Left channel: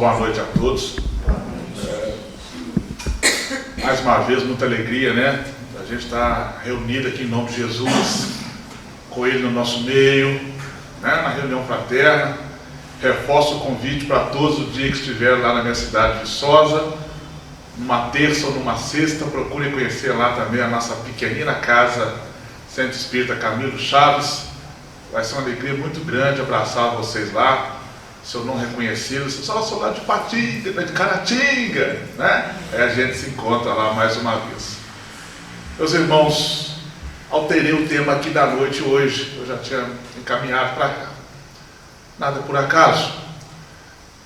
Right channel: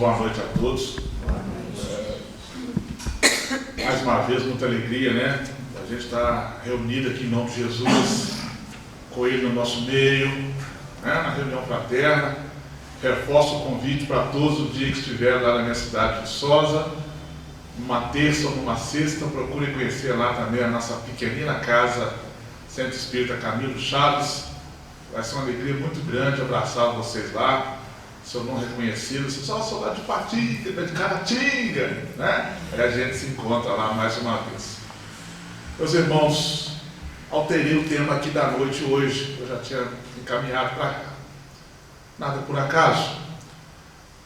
Boa noite a todos. Mais uma vez, muita alegria, né? A gente está reunido aqui em nome de Jesus, com Ele no nosso meio, né? Na reunião fraterna. Reforço o convite para todos o dia que estiver lá na minha cidade de Viçosa, numa terça ou numa sexta, procurem conhecer lá também a nossa pequenina casa Centro Espírita Camilo Chaves. Vai ser uma alegria muito grande abraçar vocês lá. Se eu não reconhecê-los, sou lá de Patinga, de Caratinga, né? Aí a gente se encontra lá mais uma vez. Meus irmãos, alterei o tema aqui da noite hoje, eu já tinha encaminhado para cá. Nada por acaso.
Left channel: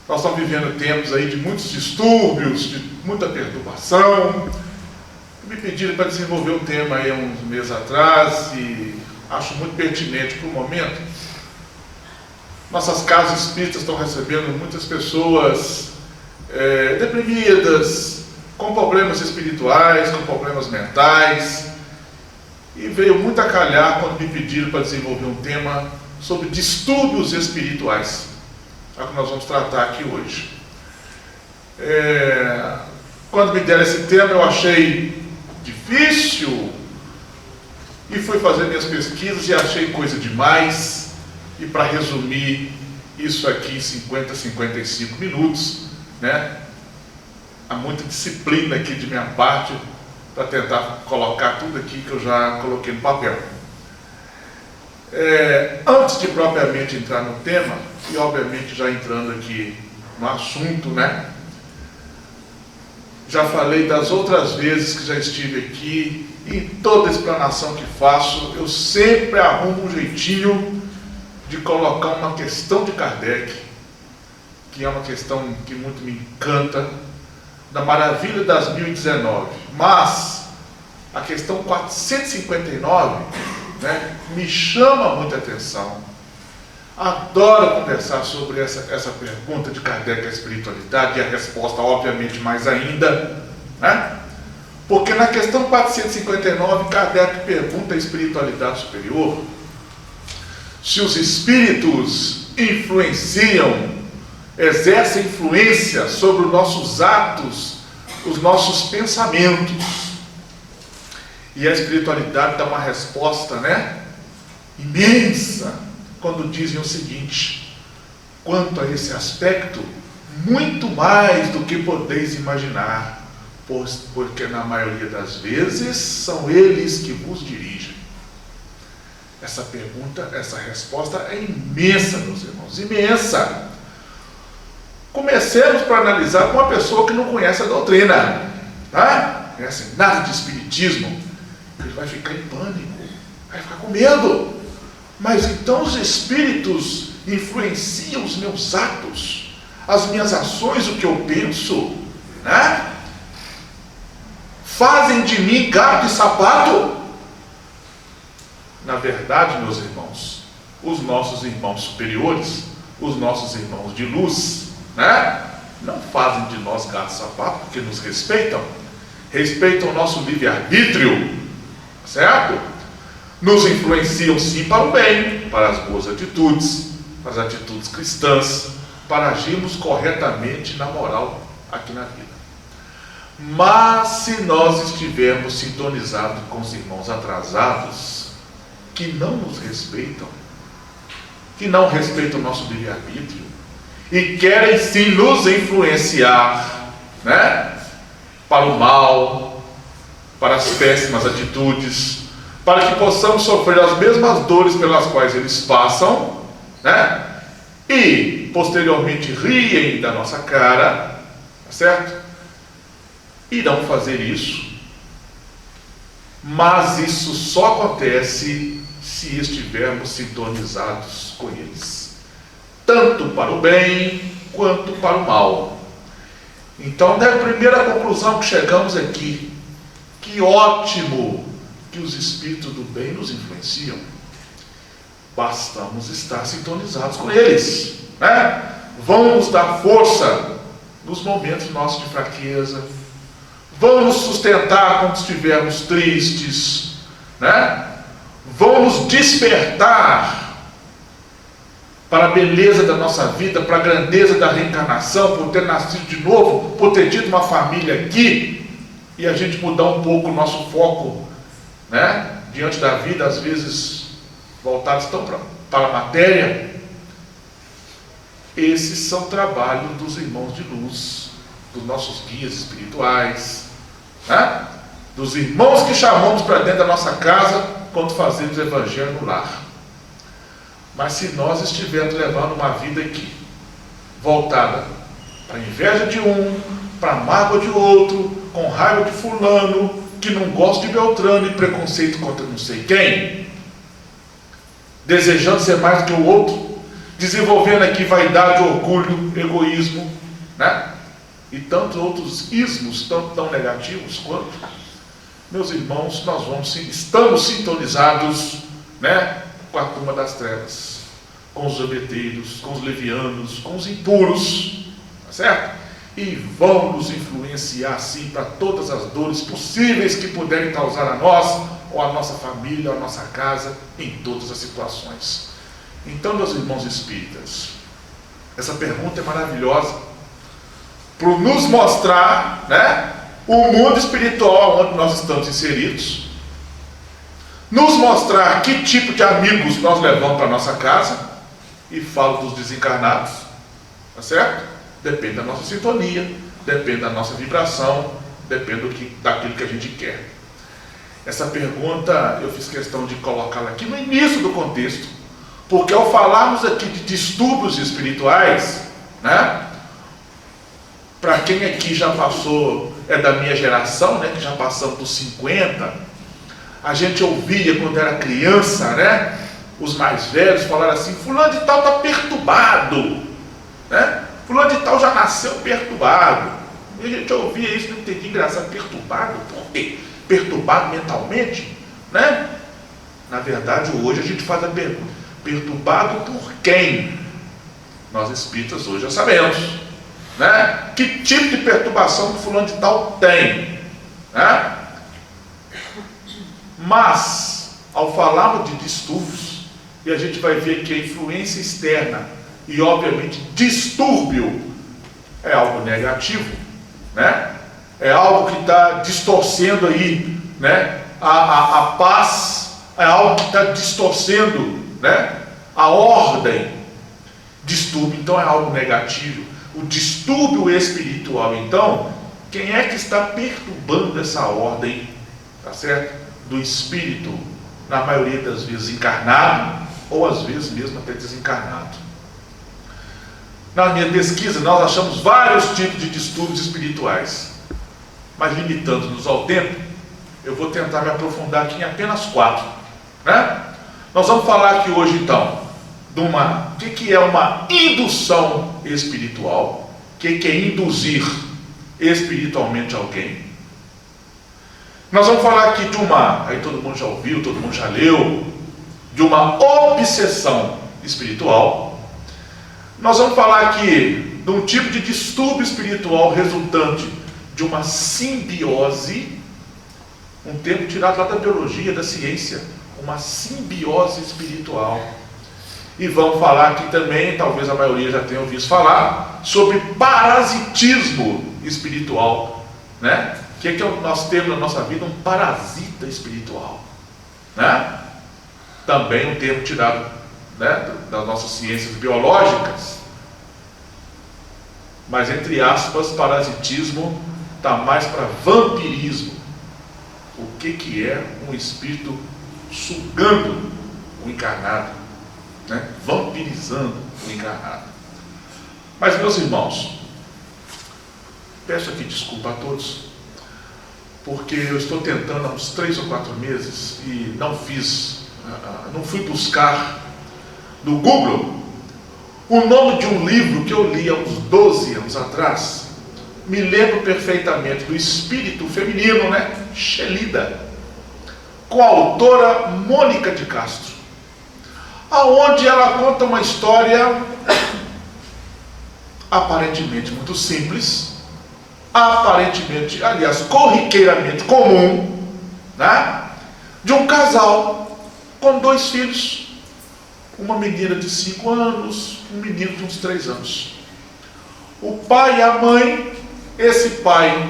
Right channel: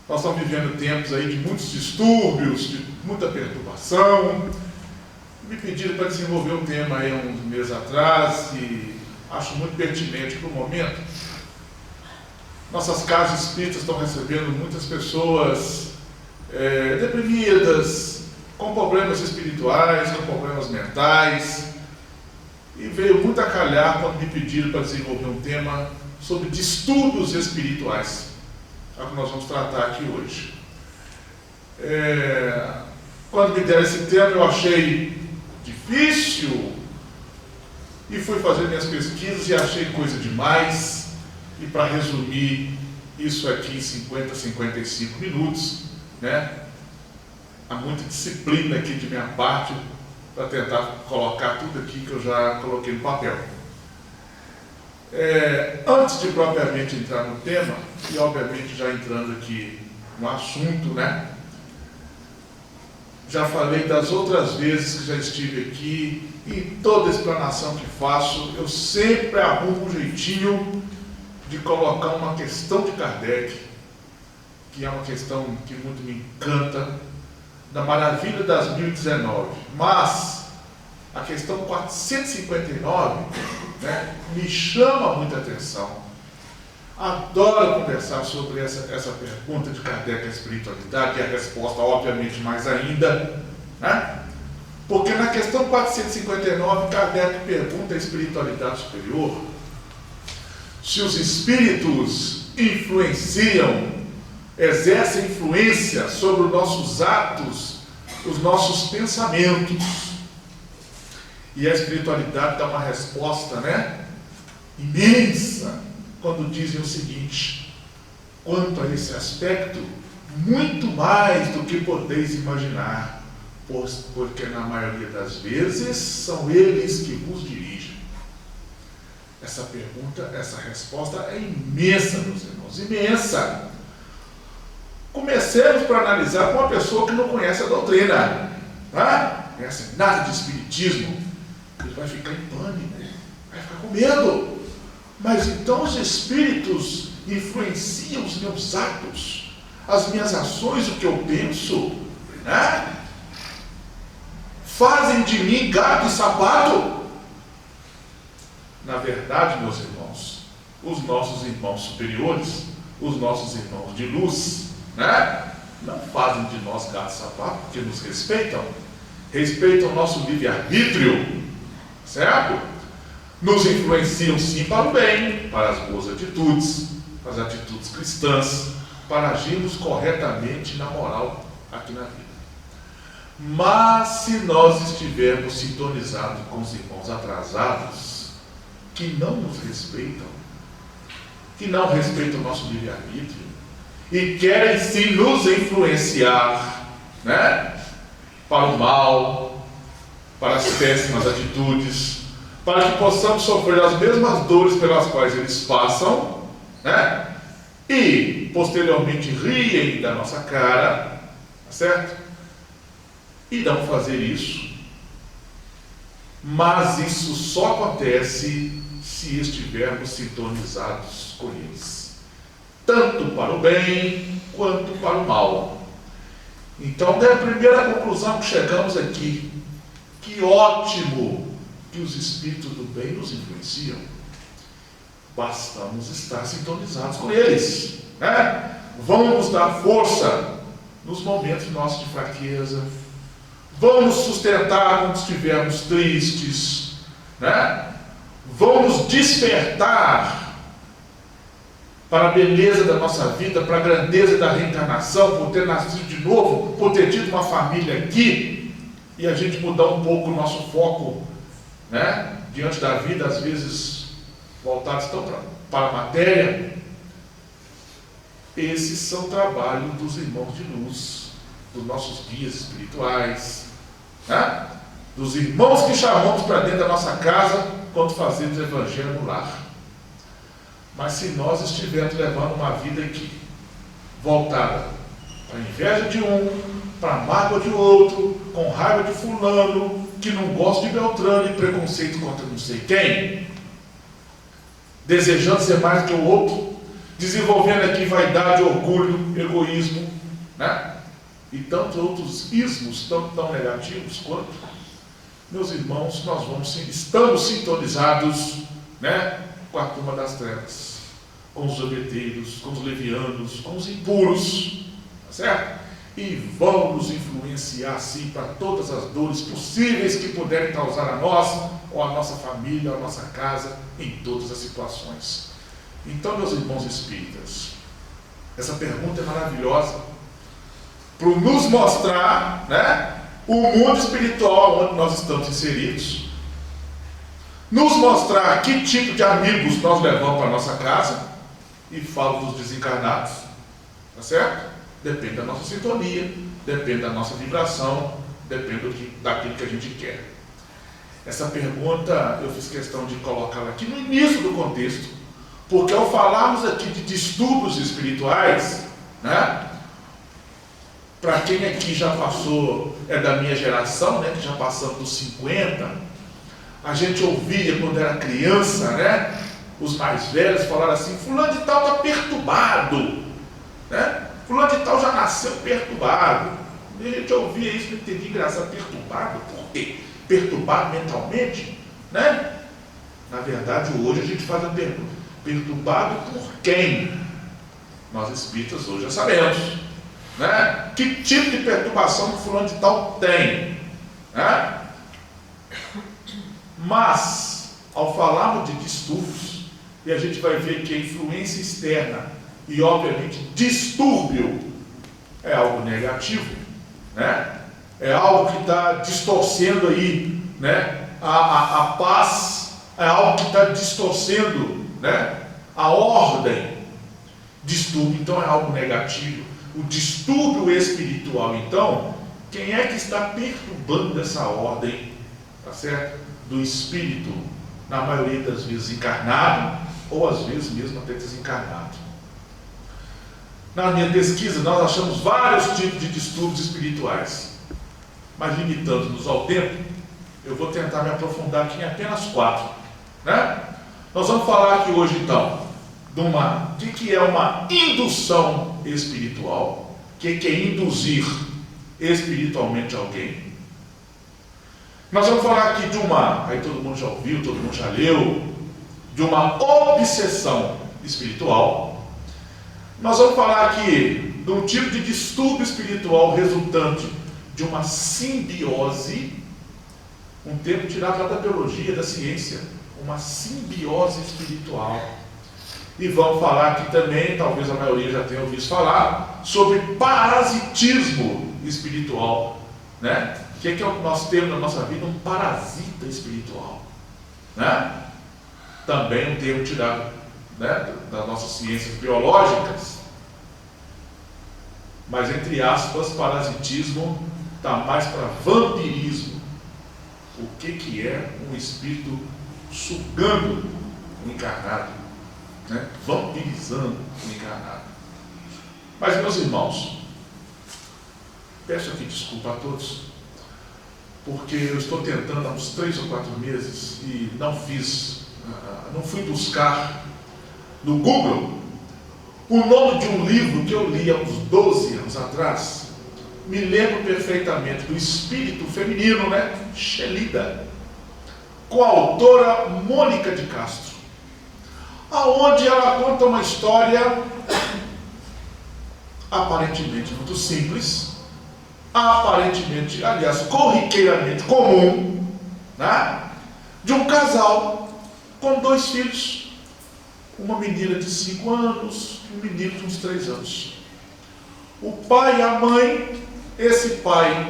Nós estamos vivendo tempos aí de muitos distúrbios, de muita perturbação. Me pediram para desenvolver o tema aí uns meses atrás e acho muito pertinente para o momento. Nossas casas espíritas estão recebendo muitas pessoas deprimidas, com problemas espirituais, com problemas mentais. E veio muito a calhar quando me pediram para desenvolver um tema sobre distúrbios espirituais. É o que nós vamos tratar aqui hoje. Quando me deram esse tema, eu achei difícil e fui fazer minhas pesquisas e achei coisa demais. E para resumir isso aqui em 50, 55 minutos, né? Há muita disciplina aqui de minha parte para tentar colocar tudo aqui que eu já coloquei no papel. Antes de propriamente entrar no tema, e obviamente já entrando aqui no assunto, né? Já falei das outras vezes que já estive aqui, e toda a explanação que faço, eu sempre arrumo um jeitinho de colocar uma questão de Kardec, que é uma questão que muito me encanta, da maravilha das 1019, mas a questão 459, né, me chama muita atenção. Adoro conversar sobre essa pergunta de Kardec à espiritualidade, e a resposta obviamente mais ainda, né? Porque na questão 459, Kardec pergunta à espiritualidade superior se os espíritos influenciam, exercem influência sobre os nossos atos, os nossos pensamentos. E a espiritualidade dá uma resposta, né, imensa, quando dizem o seguinte: quanto a esse aspecto, muito mais do que podeis imaginar, porque na maioria das vezes são eles que vos dirigem. Essa pergunta, essa resposta é imensa, meus irmãos, imensa. Comecemos para analisar com uma pessoa que não conhece a doutrina, tá? Não conhece nada de espiritismo. Ele vai ficar em pânico, vai ficar com medo. Mas então os espíritos influenciam os meus atos, as minhas ações, o que eu penso, né? Fazem de mim gato e sapato? Na verdade, meus irmãos, os nossos irmãos superiores, os nossos irmãos de luz, né, não fazem de nós gato e sapato, porque nos respeitam o nosso livre-arbítrio, certo? Nos influenciam sim para o bem, para as boas atitudes, para as atitudes cristãs, para agirmos corretamente na moral aqui na vida. Mas se nós estivermos sintonizados com os irmãos atrasados, que não nos respeitam, que não respeitam o nosso livre-arbítrio e querem sim nos influenciar, né, para o mal, para as péssimas atitudes, para que possamos sofrer as mesmas dores pelas quais eles passam, né, e posteriormente riem da nossa cara, certo? Irão fazer isso, mas isso só acontece se estivermos sintonizados com eles, tanto para o bem quanto para o mal. Então, é a primeira conclusão que chegamos aqui: que ótimo que os espíritos do bem nos influenciam, bastamos estar sintonizados com eles, né? Vão nos dar força nos momentos nossos de fraqueza, vão nos sustentar quando estivermos tristes, né? Vão nos despertar para a beleza da nossa vida, para a grandeza da reencarnação, por ter nascido de novo, por ter tido uma família aqui, e a gente mudar um pouco o nosso foco, né, diante da vida, às vezes voltados tão para a matéria. Esses são trabalhos dos irmãos de luz, dos nossos guias espirituais, né? Dos irmãos que chamamos para dentro da nossa casa quando fazemos o evangelho no lar. Mas se nós estivermos levando uma vida aqui, voltada para a inveja de um, para a mágoa de outro, com raiva de fulano, que não gosta de Beltrano e preconceito contra não sei quem, desejando ser mais do que o outro, desenvolvendo aqui vaidade, orgulho, egoísmo, né? E tantos outros ismos tão negativos quanto, meus irmãos, estamos sintonizados, né, com a turma das trevas, com os zombeteiros, com os levianos, com os impuros, tá certo? E vão nos influenciar sim para todas as dores possíveis que puderem causar a nós, ou a nossa família, ou a nossa casa, em todas as situações. Então, meus irmãos espíritas, essa pergunta é maravilhosa para nos mostrar, né, o mundo espiritual onde nós estamos inseridos, nos mostrar que tipo de amigos nós levamos para a nossa casa, e falo dos desencarnados, tá certo? Depende da nossa sintonia, depende da nossa vibração, depende daquilo que a gente quer. Essa pergunta eu fiz questão de colocá-la aqui no início do contexto, porque ao falarmos aqui de distúrbios espirituais, né, para quem aqui já passou, é da minha geração, né, que já passamos dos 50, a gente ouvia quando era criança, né, os mais velhos falaram assim: fulano de tal está perturbado, né? Fulano de tal já nasceu perturbado. E a gente ouvia isso, não entendia, engraçado, perturbado, por quê? Perturbado mentalmente, né? Na verdade, hoje a gente faz a pergunta: perturbado por quem? Nós espíritas hoje já sabemos, né? Que tipo de perturbação que fulano de tal tem, né? Mas, ao falarmos de distúrbios, e a gente vai ver que a influência externa e, obviamente, distúrbio é algo negativo, né? É algo que está distorcendo aí, né, a paz, é algo que está distorcendo, né, a ordem. Distúrbio, então, é algo negativo. O distúrbio espiritual, então, quem é que está perturbando essa ordem, tá certo? Do espírito, na maioria das vezes encarnado, ou às vezes mesmo até desencarnado. Na minha pesquisa, nós achamos vários tipos de distúrbios espirituais, mas limitando-nos ao tempo, eu vou tentar me aprofundar aqui em apenas 4, né? Nós vamos falar aqui hoje, então, de o que é uma indução espiritual, o que é induzir espiritualmente alguém. Nós vamos falar aqui de aí todo mundo já ouviu, todo mundo já leu, de uma obsessão espiritual. Nós vamos falar aqui de um tipo de distúrbio espiritual resultante de uma simbiose, um termo tirado lá da biologia, da ciência, uma simbiose espiritual. E vamos falar aqui também, talvez a maioria já tenha ouvido falar, sobre parasitismo espiritual, né? O que é nós temos na nossa vida? Um parasita espiritual, né? Também um termo tirado, né, das nossas ciências biológicas, mas entre aspas, parasitismo está mais para vampirismo. O que é um espírito sugando o encarnado, né? Vampirizando o encarnado. Mas, meus irmãos, peço aqui desculpa a todos, porque eu estou tentando há uns 3 ou 4 meses e não fui buscar no Google o nome de um livro que eu li há uns 12 anos atrás. Me lembro perfeitamente do Espírito Feminino, né? Shelida, com a autora Mônica de Castro, aonde ela conta uma história aparentemente muito simples, aparentemente, aliás, corriqueiramente comum, né? De um casal com 2 filhos. uma menina de 5 anos, um menino de uns 3 anos. O pai e a mãe, esse pai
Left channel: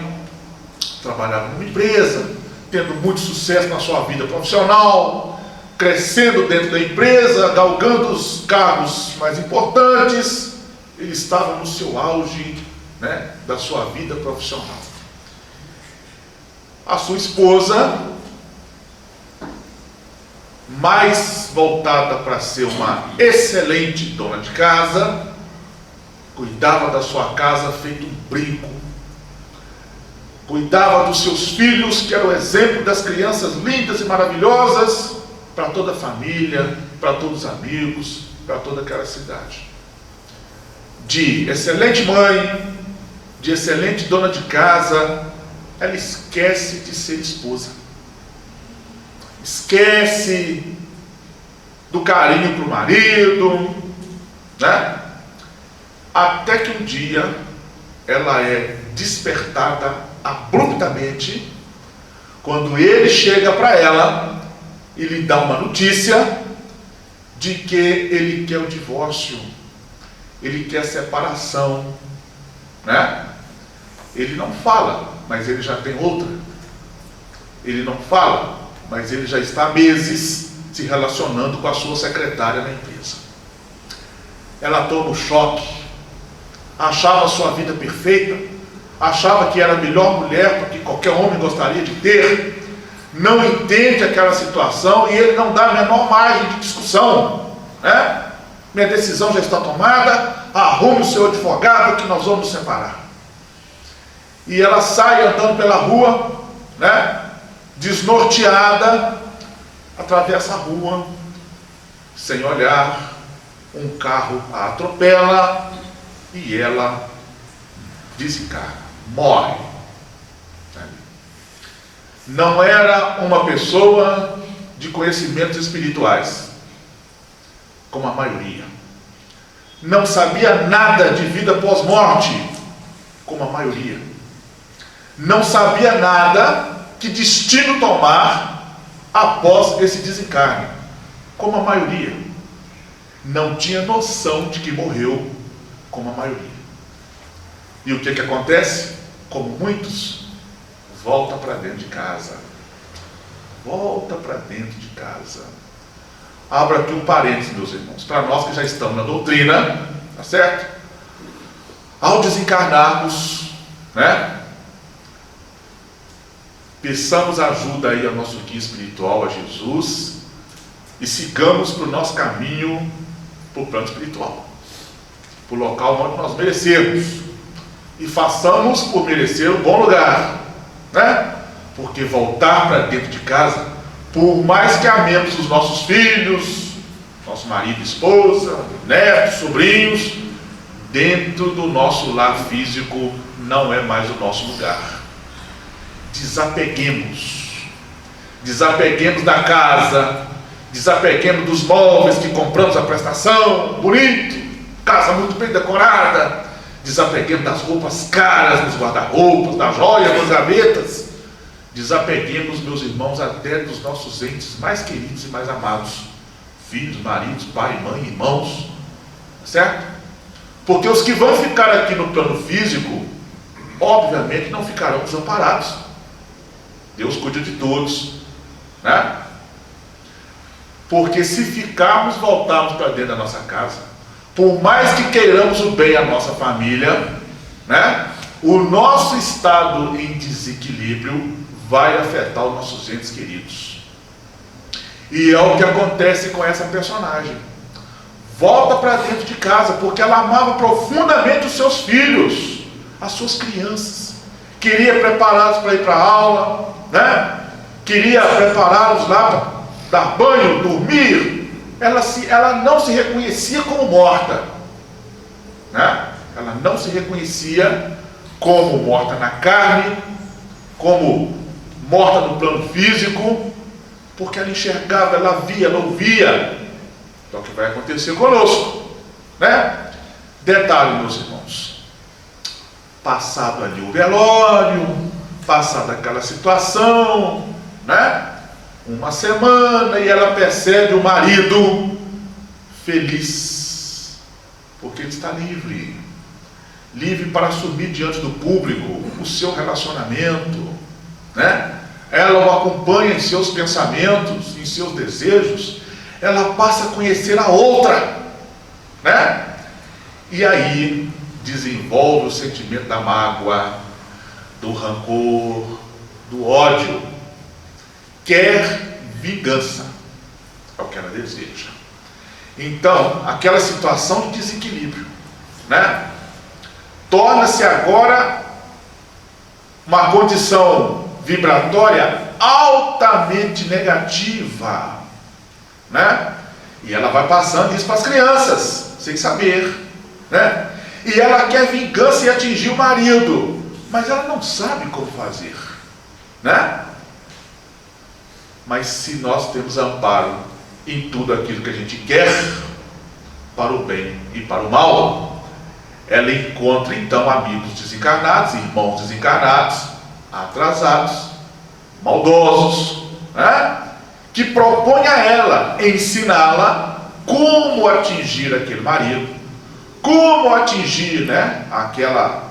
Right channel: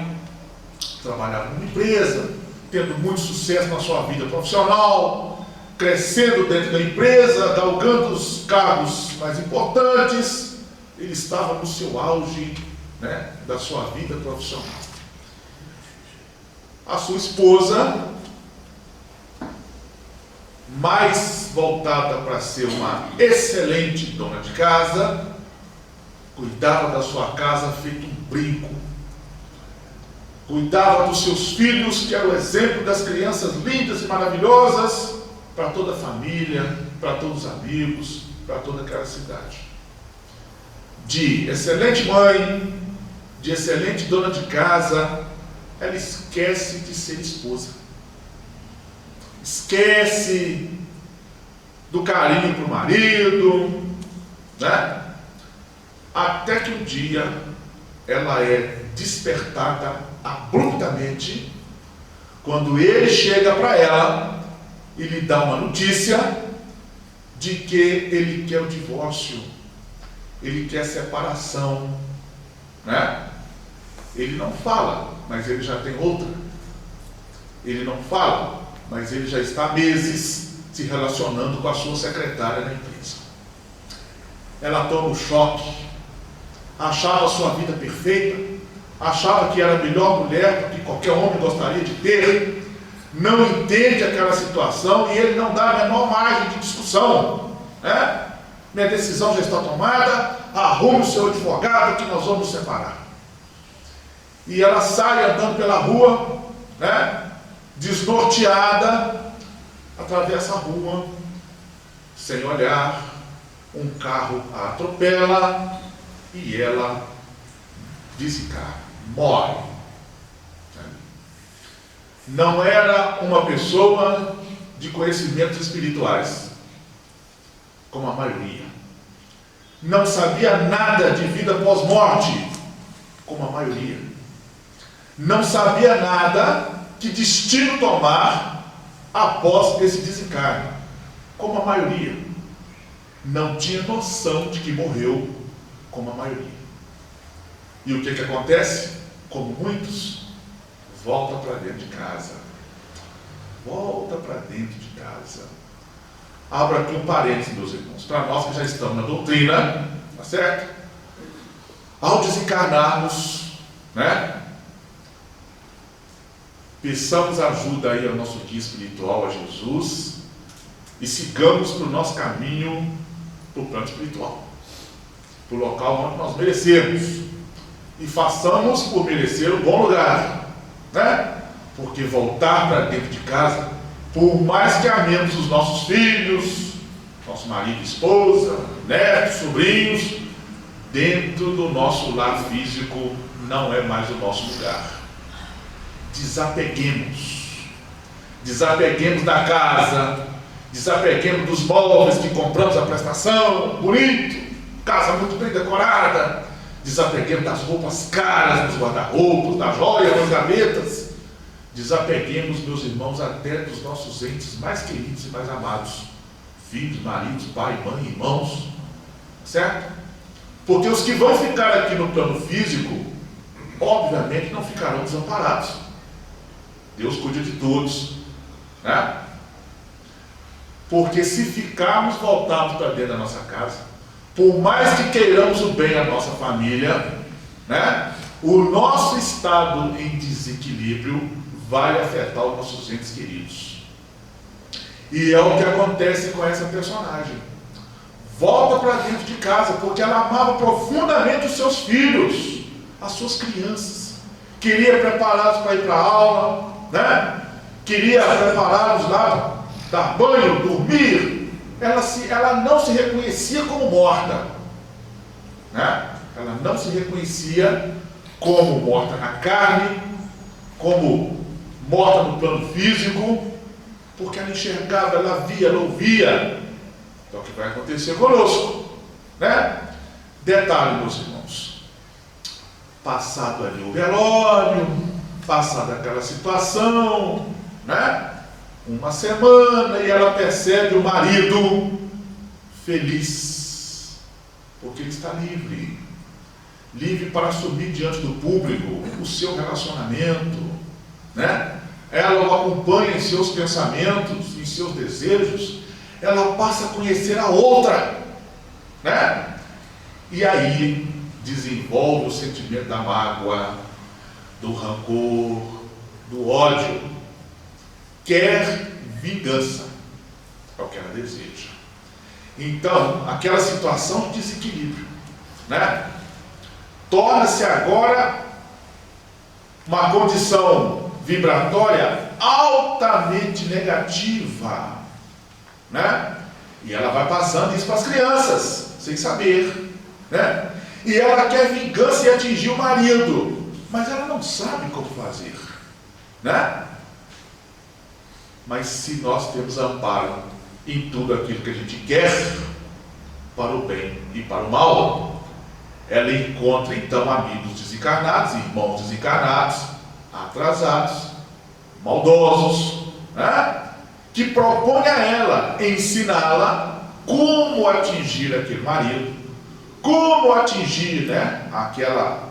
trabalhava numa empresa, tendo muito sucesso na sua vida profissional, crescendo dentro da empresa, galgando os cargos mais importantes. Ele estava no seu auge, né, da sua vida profissional. A sua esposa, mais voltada para ser uma excelente dona de casa, cuidava da sua casa feito um brinco, cuidava dos seus filhos, que era o exemplo das crianças lindas e maravilhosas para toda a família, para todos os amigos, para toda aquela cidade. De excelente mãe, de excelente dona de casa, ela esquece de ser esposa. Esquece do carinho para o marido, né? Até que um dia ela é despertada abruptamente, quando ele chega para ela e lhe dá uma notícia de que ele quer o divórcio, ele quer a separação, né? Ele não fala, mas ele já tem outra. Ele não fala, mas ele já está há meses se relacionando com a sua secretária na empresa. Ela toma o choque, achava a sua vida perfeita, achava que era a melhor mulher do que qualquer homem gostaria de ter, não entende aquela situação e ele não dá a menor margem de discussão, né? Minha decisão já está tomada, arrume o seu advogado que nós vamos separar. E ela sai andando pela rua, né? Desnorteada, atravessa a rua, sem olhar, um carro a atropela e ela desencarna, morre. Não era uma pessoa de conhecimentos espirituais, como a maioria. Não sabia nada de vida pós-morte, como a maioria. Não sabia nada que destino tomar após esse desencarne, como a maioria. Não tinha noção de que morreu, como a maioria. E o que acontece? Como muitos, volta para dentro de casa. Volta para dentro de casa. Abro aqui um parênteses, meus irmãos, para nós que já estamos na doutrina, tá certo? Ao desencarnarmos, né? Peçamos ajuda aí ao nosso guia espiritual, a Jesus, e sigamos para o nosso caminho, para o plano espiritual, para o local onde nós merecemos, e façamos por merecer um bom lugar, né? Porque voltar para dentro de casa, por mais que amemos os nossos filhos, nosso marido, esposa, netos, sobrinhos, dentro do nosso lar físico não é mais o nosso lugar. Desapeguemos da casa, desapeguemos dos móveis que compramos à prestação, bonito, casa muito bem decorada, desapeguemos das roupas caras nos guarda-roupas, das joias nas gavetas, desapeguemos, meus irmãos, até dos nossos entes mais queridos e mais amados, filhos, maridos, pai, mãe, irmãos, certo? Porque os que vão ficar aqui no plano físico, obviamente não ficarão desamparados. Deus cuida de todos, né? Porque se ficarmos, voltarmos para dentro da nossa casa, por mais que queiramos o bem à nossa família, né? O nosso estado em desequilíbrio vai afetar os nossos entes queridos. E é o que acontece com essa personagem. Volta para dentro de casa, porque ela amava profundamente os seus filhos, as suas crianças. Queria prepará-los para ir para a aula, né? Queria prepará-los lá para dar banho, dormir. Ela não se reconhecia como morta, né? Ela não se reconhecia como morta na carne, como morta no plano físico, porque ela enxergava, ela via, ela ouvia. Então o que vai acontecer conosco, né? Detalhe, meus irmãos, passado ali o velório, passada aquela situação, né? Uma semana, e ela percebe o marido feliz, porque ele está livre. Livre para assumir diante do público o seu relacionamento, né? Ela o acompanha em seus pensamentos, em seus desejos, ela passa a conhecer a outra, né? E aí desenvolve o sentimento da mágoa, do rancor, do ódio. Quer vingança, é o que ela deseja. Então, aquela situação de desequilíbrio, né? Torna-se agora uma condição vibratória altamente negativa, né? E ela vai passando isso para as crianças, sem saber, né? E ela quer vingança e atingir o marido, mas ela não sabe como fazer, né? Mas se nós temos amparo em tudo aquilo que a gente quer, para o bem e para o mal, ela encontra então amigos desencarnados, irmãos desencarnados, atrasados, maldosos, né? Que propõe a ela ensiná-la como atingir aquele marido, como atingir, né, aquela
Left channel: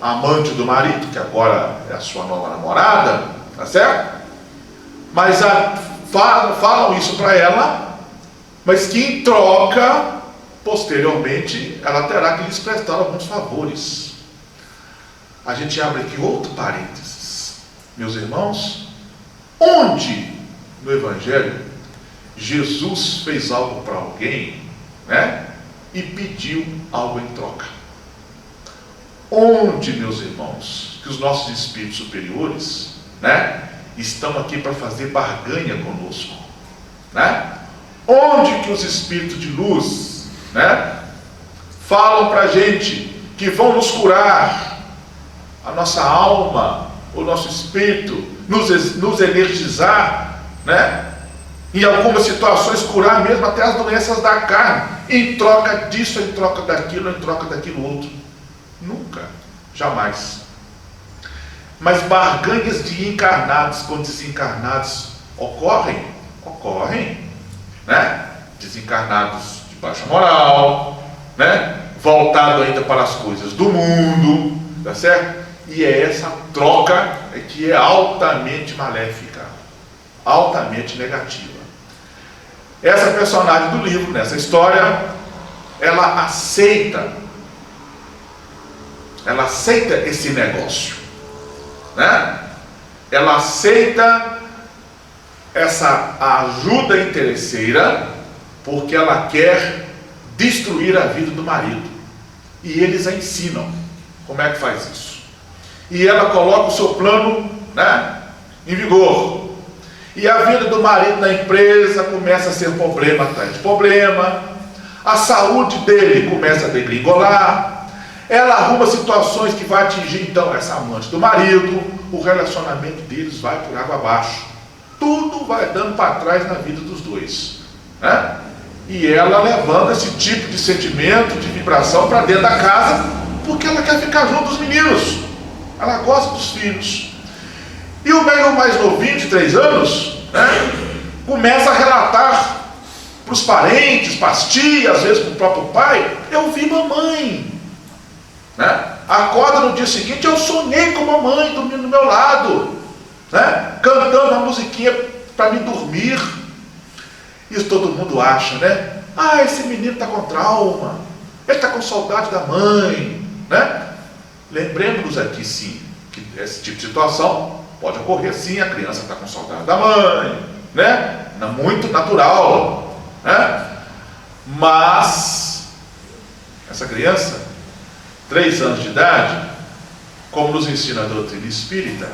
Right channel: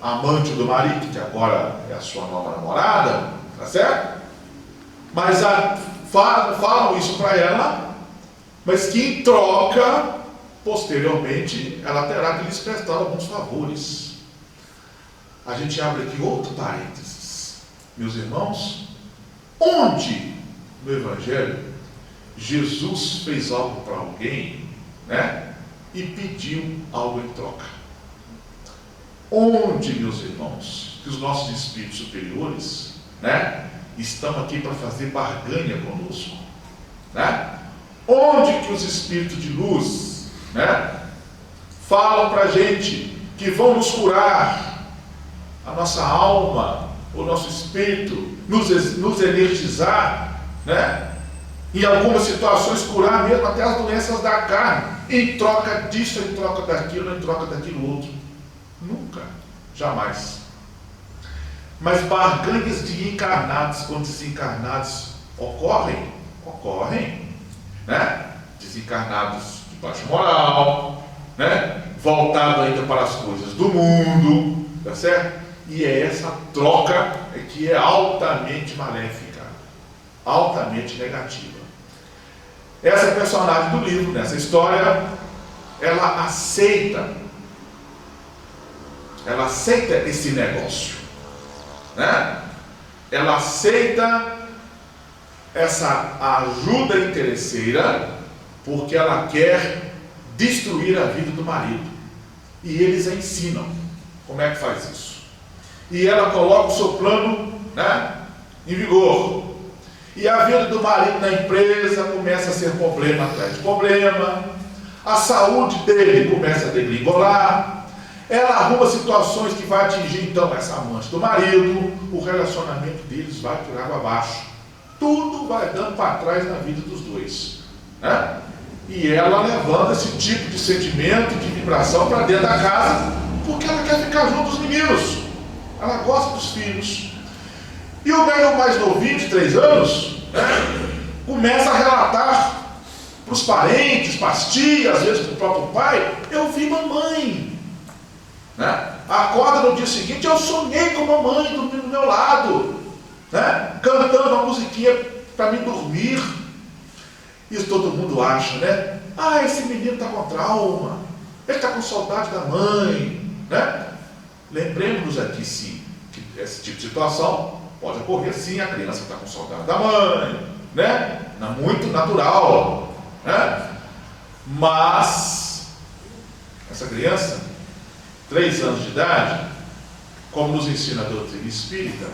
amante do marido, que agora é a sua nova namorada, tá certo? Mas falam isso para ela, mas que em troca, posteriormente, ela terá que lhes prestar alguns favores. A gente abre aqui outro parênteses. Meus irmãos, onde no Evangelho Jesus fez algo para alguém, né, e pediu algo em troca? Onde, meus irmãos, que os nossos espíritos superiores, né, estão aqui para fazer barganha conosco, né? Onde que os espíritos de luz, né, falam para a gente que vão nos curar a nossa alma, o nosso espírito, nos energizar, né? Em algumas situações curar mesmo até as doenças da carne, em troca disso, em troca daquilo outro? Nunca, jamais. Mas barganhas de encarnados com desencarnados ocorrem, né? Desencarnados de baixa moral, né? Voltado ainda para as coisas do mundo, tá certo? E é essa troca que é altamente maléfica, altamente negativa. Essa personagem do livro, nessa história, ela aceita esse negócio, né? Ela aceita essa ajuda interesseira, porque ela quer destruir a vida do marido, e eles a ensinam como é que faz isso, e ela coloca o seu plano, né, em vigor, e a vida do marido na empresa começa a ser problema atrás de problema, a saúde dele começa a degringolar, ela arruma situações que vai atingir então essa amante do marido, o relacionamento deles vai por água abaixo, tudo vai dando para trás na vida dos dois, né? E ela levando esse tipo de sentimento, de vibração para dentro da casa, porque ela quer ficar junto dos meninos, ela gosta dos filhos. E o meu mais novinho, de 3 anos, né, começa a relatar para os parentes, para as tias, às vezes para o próprio pai: eu vi mamãe, né? Acorda no dia seguinte: eu sonhei com mamãe dormindo do meu lado, né, cantando uma musiquinha para me dormir. Isso todo mundo acha, né? Ah, esse menino está com trauma, ele está com saudade da mãe, né? Lembremos-nos aqui, sim, que esse tipo de situação pode ocorrer, sim. A criança está com saudade da mãe, né? Muito natural, né? Mas essa criança, 3 anos de idade, como nos ensina a doutrina espírita,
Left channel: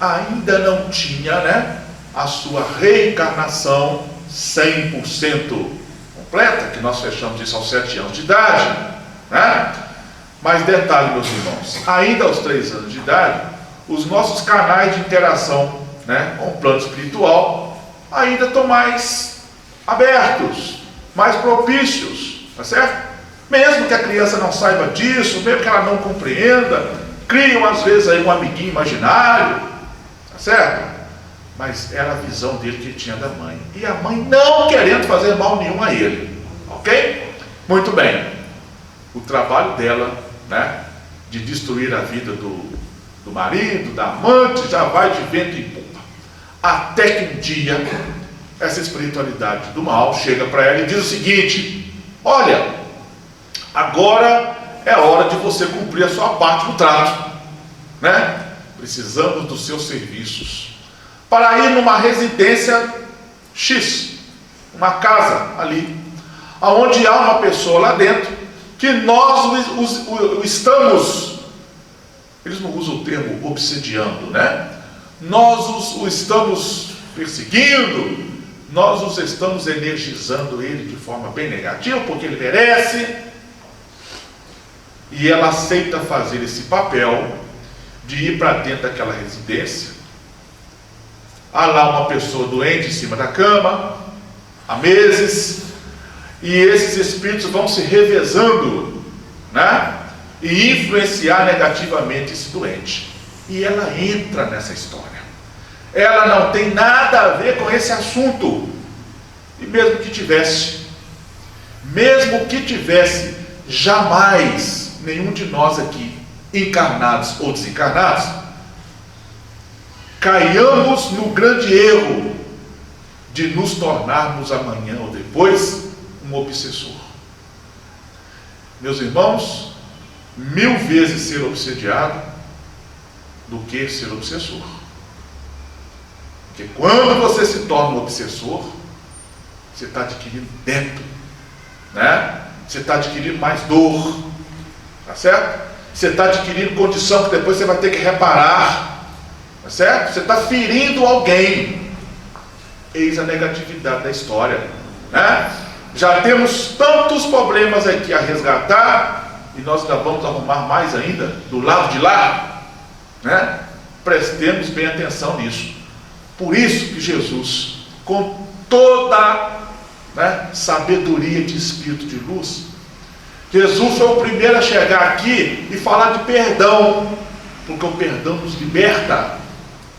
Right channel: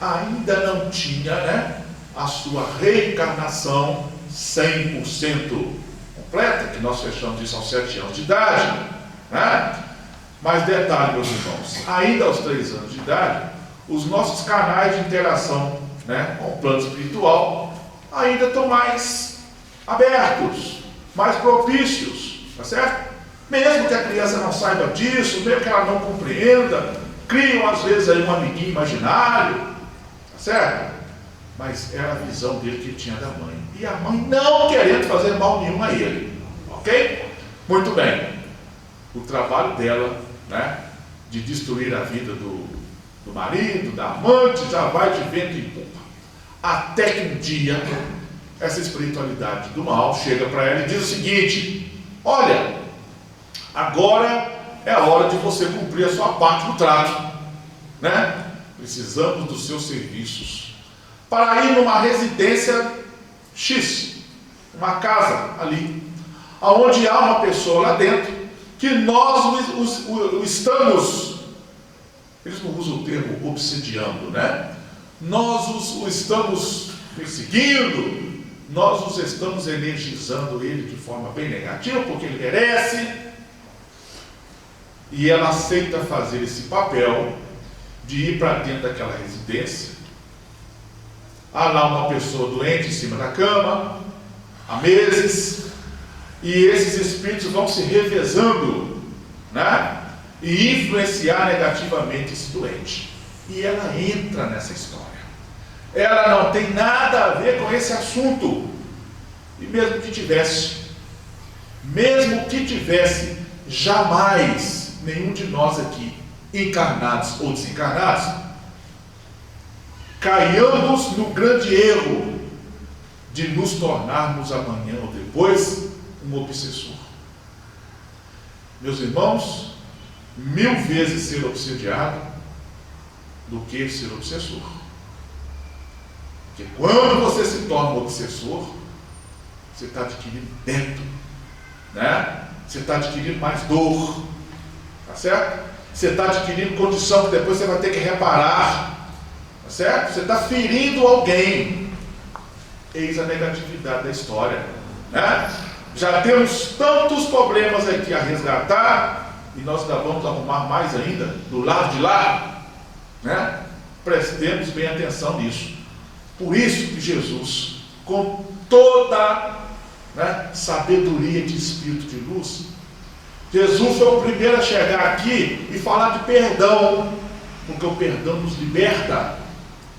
ainda não tinha, né, a sua reencarnação 100% completa, que nós fechamos isso aos 7 anos de idade, né? Mas detalhe, meus irmãos, ainda aos 3 anos de idade, os nossos canais de interação, né, com o plano espiritual ainda estão mais abertos, mais propícios, tá certo? Mesmo que a criança não saiba disso, mesmo que ela não compreenda, criam às vezes aí um amiguinho imaginário, tá certo? Mas era a visão dele que tinha da mãe, e a mãe não querendo fazer mal nenhum a ele, ok? Muito bem, o trabalho dela, né, de destruir a vida do marido, da amante, já vai de vento em popa. Até que um dia, essa espiritualidade do mal chega para ela e diz o seguinte: olha, agora é hora de você cumprir a sua parte do trato, né? Precisamos dos seus serviços para ir numa residência X, uma casa ali, aonde há uma pessoa lá dentro que nós o estamos, eles não usam o termo obsediando, né? Nós o estamos perseguindo, nós os estamos energizando ele de forma bem negativa, porque ele merece. E ela aceita fazer esse papel de ir para dentro daquela residência. Há lá uma pessoa doente em cima da cama, há meses, e esses espíritos vão se revezando, né? E influenciar negativamente esse doente. E ela entra nessa história. Ela não tem nada a ver com esse assunto. E mesmo que tivesse, jamais nenhum de nós aqui, encarnados ou desencarnados, caiamos no grande erro de nos tornarmos amanhã ou depois um obsessor. Meus irmãos, 1000 vezes ser obsediado do que ser obsessor. Porque quando você se torna um obsessor, você está adquirindo débito, né? Você está adquirindo mais dor, tá certo? Você está adquirindo condição que depois você vai ter que reparar, tá certo? Você está ferindo alguém. Eis a negatividade da história, né? Já temos tantos problemas aqui a resgatar, e nós ainda vamos arrumar mais ainda do lado de lá, né? Prestemos bem atenção nisso. Por isso que Jesus, com toda, né, sabedoria de espírito de luz, Jesus foi o primeiro a chegar aqui e falar de perdão, porque o perdão nos liberta,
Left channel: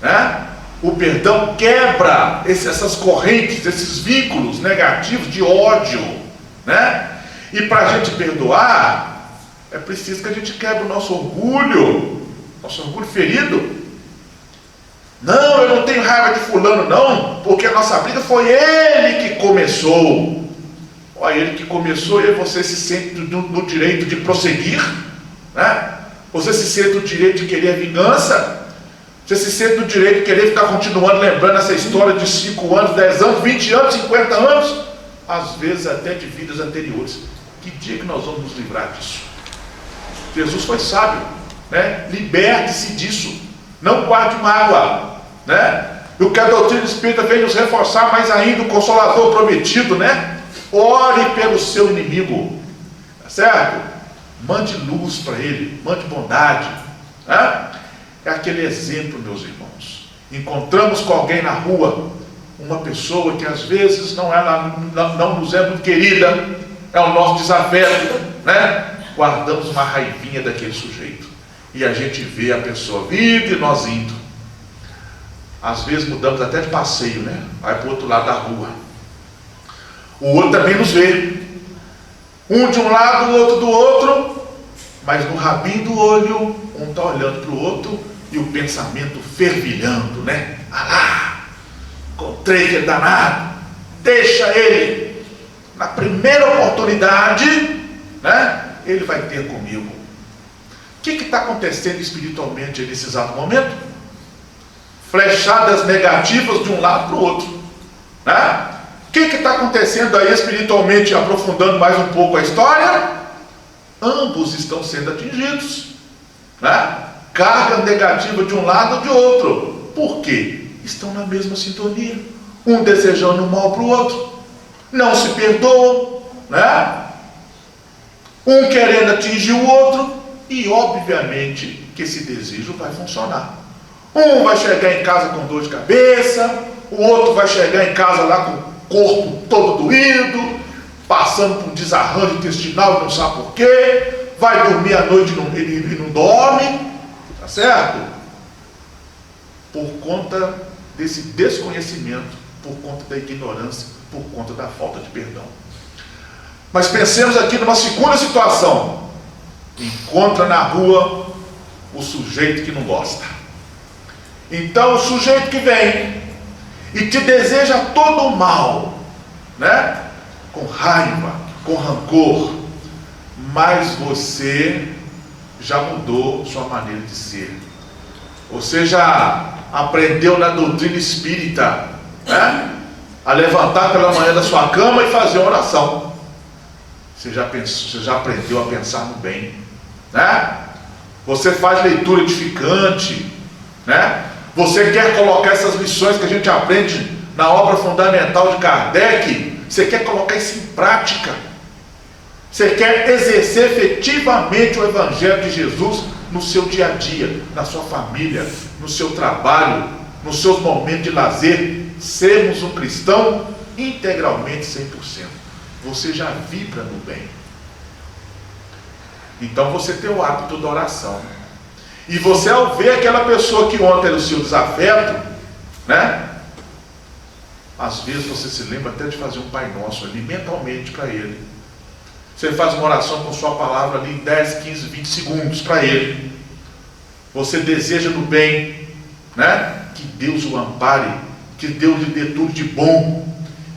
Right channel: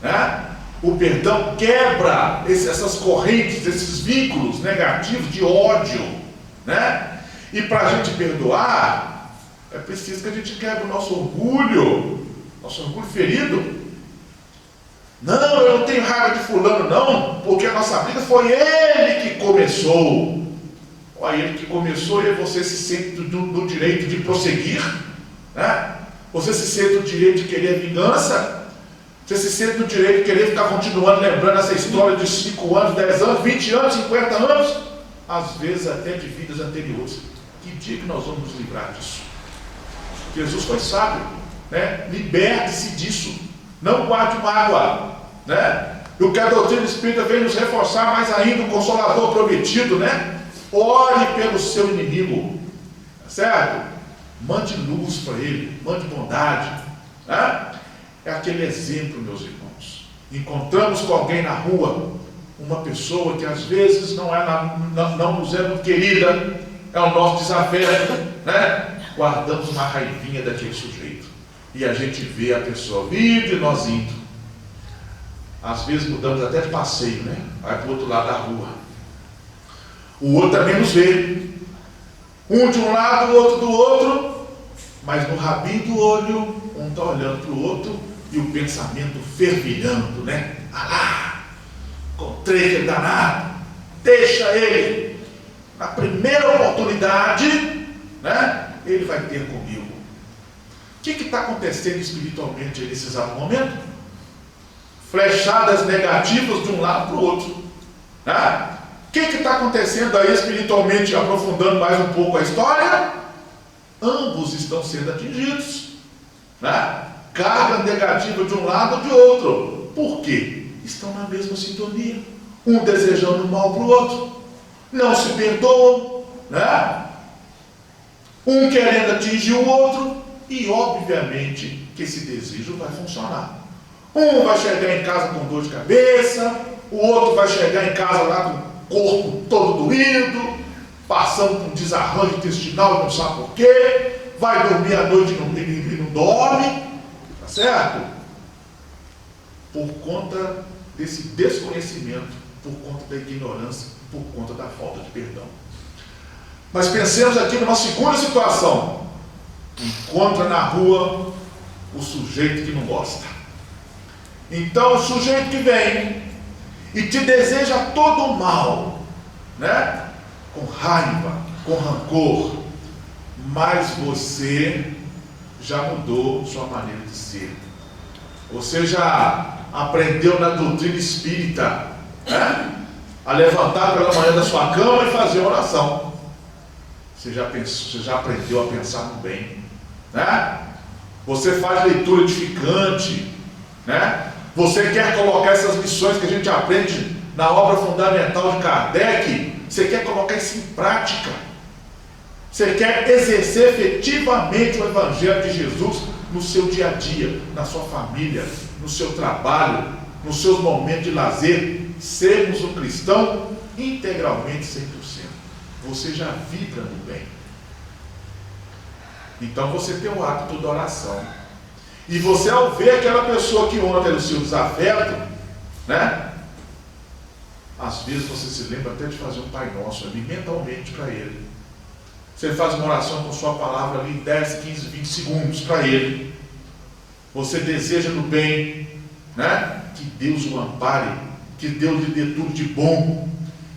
né? O perdão quebra essas correntes, esses vínculos negativos de ódio, né? E para a gente perdoar, é preciso que a gente quebre o nosso orgulho ferido. Não, eu não tenho raiva de fulano não, porque a nossa briga foi ele que começou. Olha, ele que começou, e você se sente no direito de prosseguir, né? Você se sente no direito de querer vingança. Você se sente no direito de querer ficar continuando lembrando essa história de 5 anos, 10 anos, 20 anos, 50 anos, às vezes até de vidas anteriores. Que dia que nós vamos nos livrar disso? Jesus foi sábio, né? Liberte-se disso, não guarde mágoa, né? E o que a doutrina espírita vem nos reforçar mais ainda, o Consolador prometido, né? Ore pelo seu inimigo, tá certo? Mande luz para ele, mande bondade, né? É aquele exemplo, meus irmãos. Encontramos com alguém na rua, uma pessoa que às vezes não nos é muito querida, é o nosso desafeto, né? Guardamos uma raivinha daquele sujeito, e a gente vê a pessoa vindo e nós indo. Às vezes mudamos até de passeio, né? Vai para o outro lado da rua. O outro também nos vê. Um de um lado, o outro do outro, mas no rabinho do olho, um está olhando para o outro e o pensamento fervilhando, né? Ah lá, encontrei aquele danado, deixa ele. Na primeira oportunidade, né? Ele vai ter comigo. O que está acontecendo espiritualmente nesse exato momento? Flechadas negativas de um lado para o outro, né? O que está acontecendo aí espiritualmente, aprofundando mais um pouco a história? Ambos estão sendo atingidos, né? Carga negativa de um lado ou de outro. Por quê? Estão na mesma sintonia, um desejando o mal para o outro, não se perdoam, né? Um querendo atingir o outro, e obviamente que esse desejo vai funcionar. Um vai chegar em casa com dor de cabeça, o outro vai chegar em casa lá com o corpo todo doído, passando por um desarranjo intestinal e não sabe por quê, vai dormir à noite e não dorme, tá certo? Por conta desse desconhecimento, por conta da ignorância, por conta da falta de perdão. Mas pensemos aqui numa segunda situação. Encontra na rua o sujeito que não gosta. Então o sujeito que vem e te deseja todo o mal, né? Com raiva, com rancor, mas você já mudou sua maneira de ser. Você já aprendeu na doutrina espírita, né? A levantar pela manhã da sua cama e fazer uma oração. Você já aprendeu a pensar no bem, né? Você faz leitura edificante, né? Você quer colocar essas lições que a gente aprende na obra fundamental de Kardec, você quer colocar isso em prática. Você quer exercer efetivamente o Evangelho de Jesus no seu dia a dia, na sua família, no seu trabalho, nos seus momentos de lazer. Sermos um cristão integralmente 100%. Você já vibra no bem. Então você tem o hábito da oração. E você, ao ver aquela pessoa que ontem era o seu desafeto, né? Às vezes você se lembra até de fazer um Pai Nosso ali mentalmente para ele. Você faz uma oração com sua palavra ali em 10, 15, 20 segundos para ele. Você deseja no bem, né? Que Deus o ampare, que Deus lhe dê tudo de bom.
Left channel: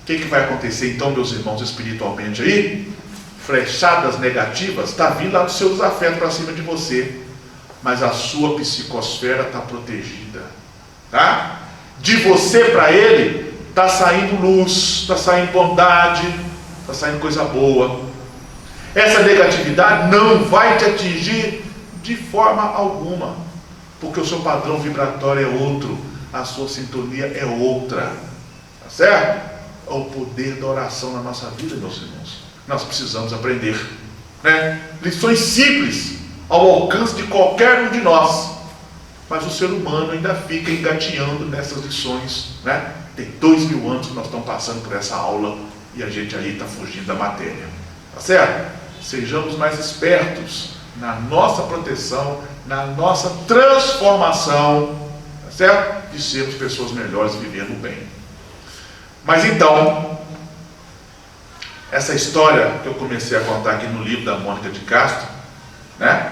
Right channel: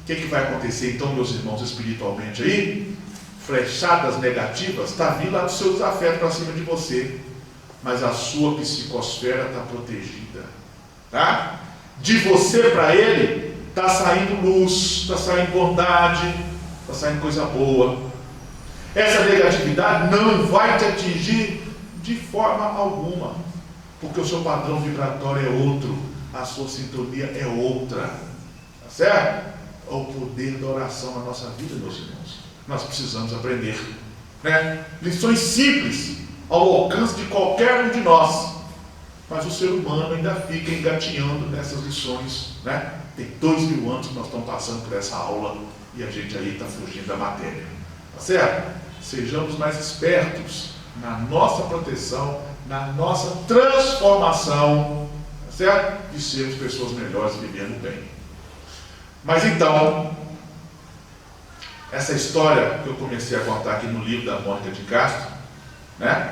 O que vai acontecer então, meus irmãos, espiritualmente aí? Flechadas negativas está vindo lá do seu desafeto para cima de você, mas a sua psicosfera está protegida, tá? De você para ele está saindo luz, está saindo bondade, está saindo coisa boa. Essa negatividade não vai te atingir de forma alguma, porque o seu padrão vibratório é outro, a sua sintonia é outra, tá certo? É o poder da oração na nossa vida, meus irmãos. Nós precisamos aprender, né? Lições simples ao alcance de qualquer um de nós, mas o ser humano ainda fica engateando nessas lições, né? Tem 2000 anos que nós estamos passando por essa aula e a gente aí está fugindo da matéria, tá certo? Sejamos mais espertos na nossa proteção, na nossa transformação, tá certo? De sermos pessoas melhores vivendo bem. Mas então, essa história que eu comecei a contar aqui no livro da Mônica de Castro, né?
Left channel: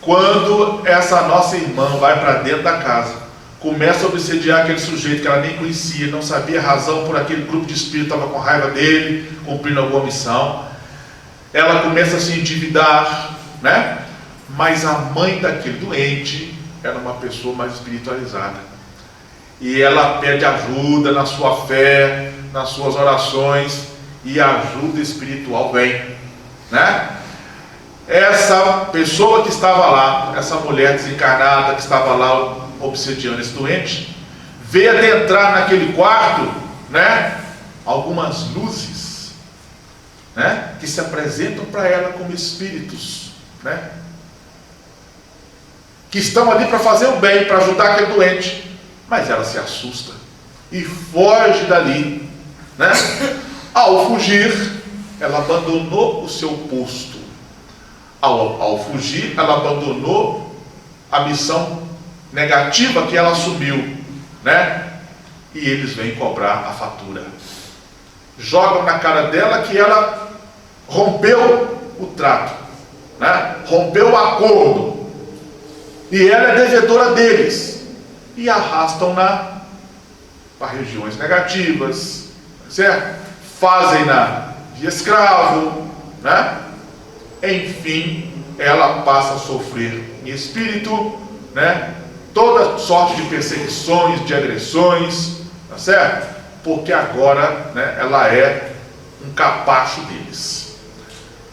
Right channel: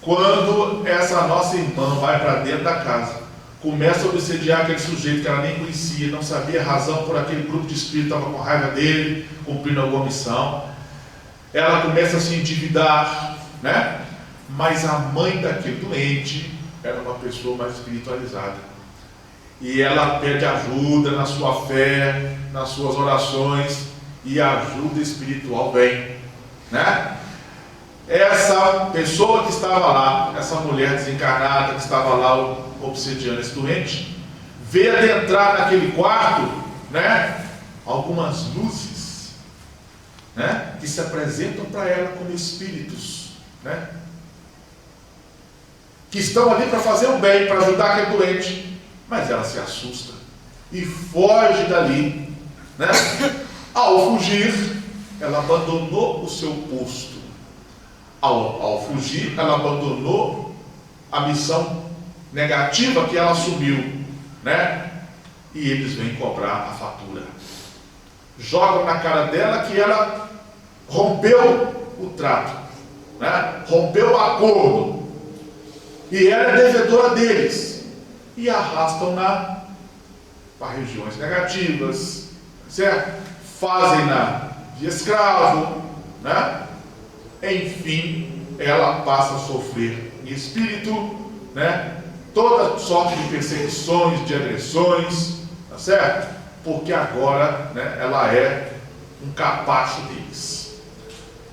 Quando essa nossa irmã vai para dentro da casa, começa a obsediar aquele sujeito que ela nem conhecia, não sabia a razão por aquele grupo de espírito, estava com raiva dele, cumprindo alguma missão. Ela começa a se endividar, né? Mas a mãe daquele doente era uma pessoa mais espiritualizada. E ela pede ajuda na sua fé, nas suas orações, e a ajuda espiritual vem, né? Essa pessoa que estava lá, essa mulher desencarnada que estava lá obsediando esse doente, veio adentrar naquele quarto, né? Algumas luzes, né? Que se apresentam para ela como espíritos, né? Que estão ali para fazer o bem, para ajudar aquele doente, mas ela se assusta e foge dali, né? Ao fugir, ela abandonou o seu posto. Ao fugir, ela abandonou a missão negativa que ela assumiu, né? E eles vêm cobrar a fatura. Jogam na cara dela que ela rompeu o trato, né? Rompeu o acordo. E ela é devedora deles. E arrastam-na para regiões negativas, certo? Fazem-na de escravo, né? Enfim, ela passa a sofrer em espírito, né? Toda sorte de perseguições, de agressões, tá certo? Porque agora, né, ela é um capacho deles.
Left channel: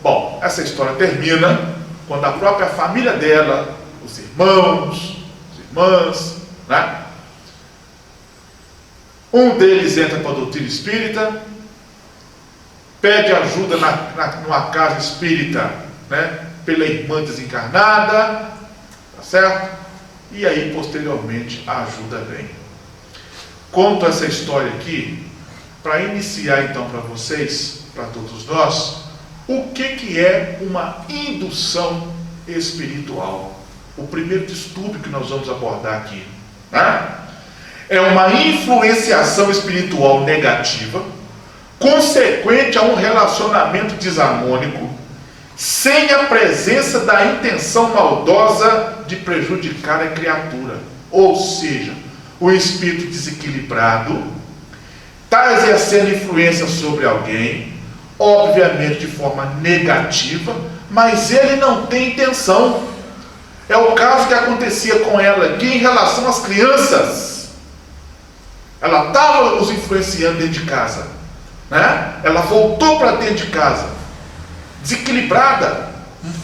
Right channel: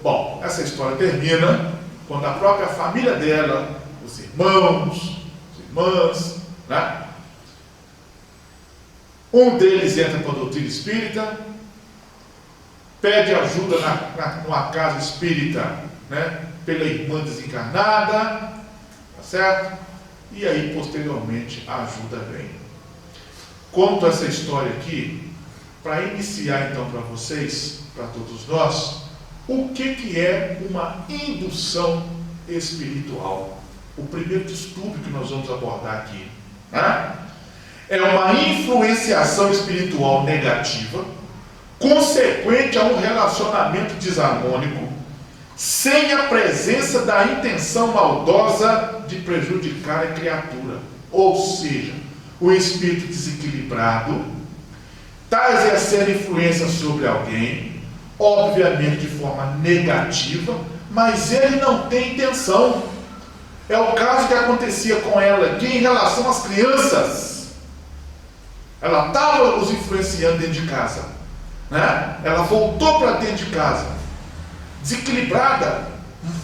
Bom, essa história termina quando a própria família dela, os irmãos, as irmãs, né? Um deles entra para a doutrina espírita, pede ajuda numa casa espírita, né? Pela irmã desencarnada, tá certo? E aí, posteriormente, a ajuda vem. Conto essa história aqui para iniciar então para vocês, para todos nós, o que é uma indução espiritual. O primeiro distúrbio que nós vamos abordar aqui, né? É uma influenciação espiritual negativa consequente a um relacionamento desarmônico, sem a presença da intenção maldosa de prejudicar a criatura. Ou seja, o espírito desequilibrado está exercendo influência sobre alguém, obviamente de forma negativa, mas ele não tem intenção. É o caso que acontecia com ela aqui em relação às crianças. Ela estava os influenciando dentro de casa, né? Ela voltou para dentro de casa, desequilibrada,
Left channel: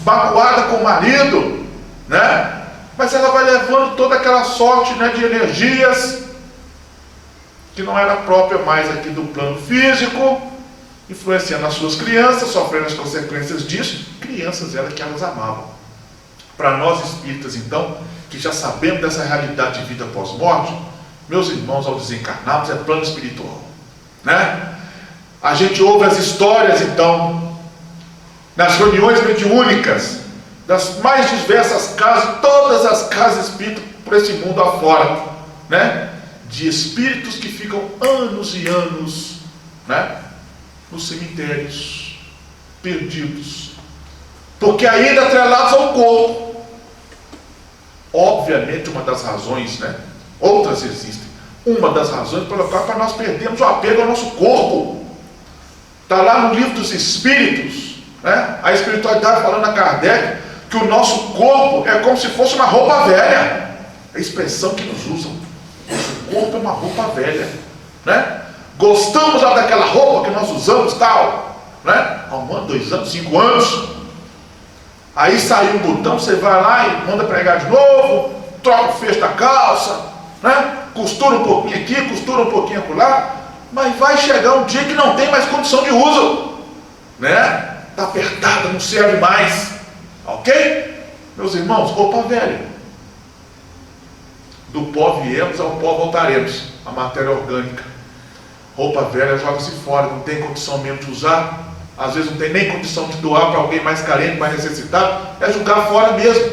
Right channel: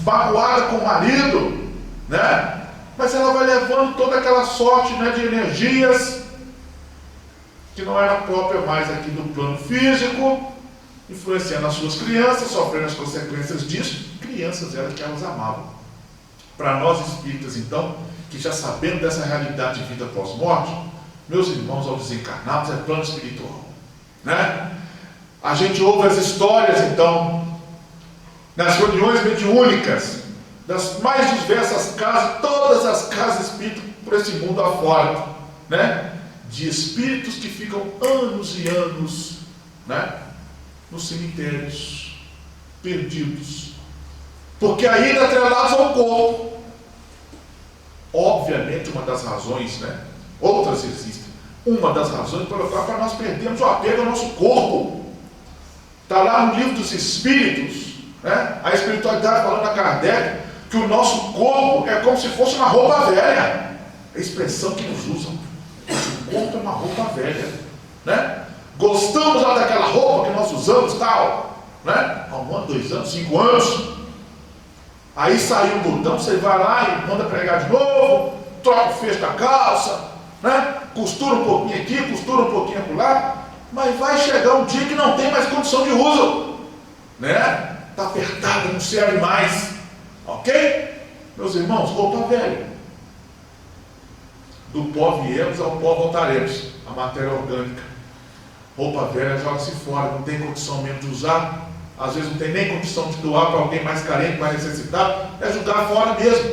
magoada com o marido, né? Mas ela vai levando toda aquela sorte, né, de energias que não era própria mais aqui do plano físico, influenciando as suas crianças, sofrendo as consequências disso, crianças que elas amavam. Para nós espíritas, então, que já sabemos dessa realidade de vida pós-morte, meus irmãos, ao desencarnarmos é plano espiritual, né? A gente ouve as histórias, então, nas reuniões mediúnicas, das mais diversas casas, todas as casas espíritas por esse mundo afora, né? De espíritos que ficam anos e anos, né, nos cemitérios, perdidos, porque ainda atrelados ao corpo. Obviamente, uma das razões, né, outras existem, uma das razões pela qual para nós perdemos o apego ao nosso corpo, está lá no livro dos Espíritos, né, a espiritualidade falando a Kardec, que o nosso corpo é como se fosse uma roupa velha, é a expressão que nos usam. O corpo é uma roupa velha, né? Gostamos já daquela roupa que nós usamos, tal, né? Há 1 ano, 2 anos, 5 anos. Aí saiu um botão, você vai lá e manda pregar de novo, troca o fecho da calça, né? Costura um pouquinho aqui, costura um pouquinho acolá, mas vai chegar um dia que não tem mais condição de uso, né? Está apertada, não serve mais, ok? Meus irmãos, roupa velha. Do pó viemos, ao pó voltaremos. A matéria orgânica. Roupa velha joga-se fora, não tem condição mesmo de usar. Às vezes não tem nem condição de doar para alguém mais carente, mais necessitado. É jogar fora mesmo.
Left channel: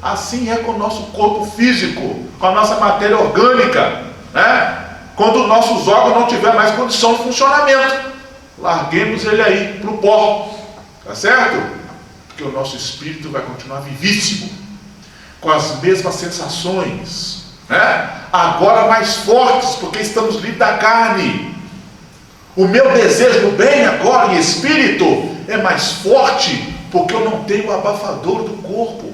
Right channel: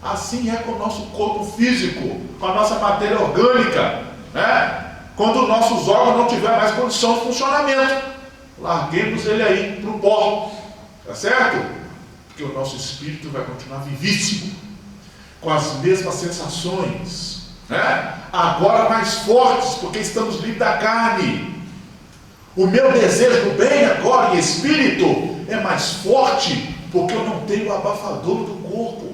Assim é com o nosso corpo físico, com a nossa matéria orgânica, né? Quando os nossos órgãos não tiver mais condição de funcionamento, larguemos ele aí para o pó. Tá certo? Porque o nosso espírito vai continuar vivíssimo, com as mesmas sensações, né? Agora mais fortes, porque estamos livres da carne. O meu desejo do bem agora em espírito é mais forte, porque eu não tenho o abafador do corpo.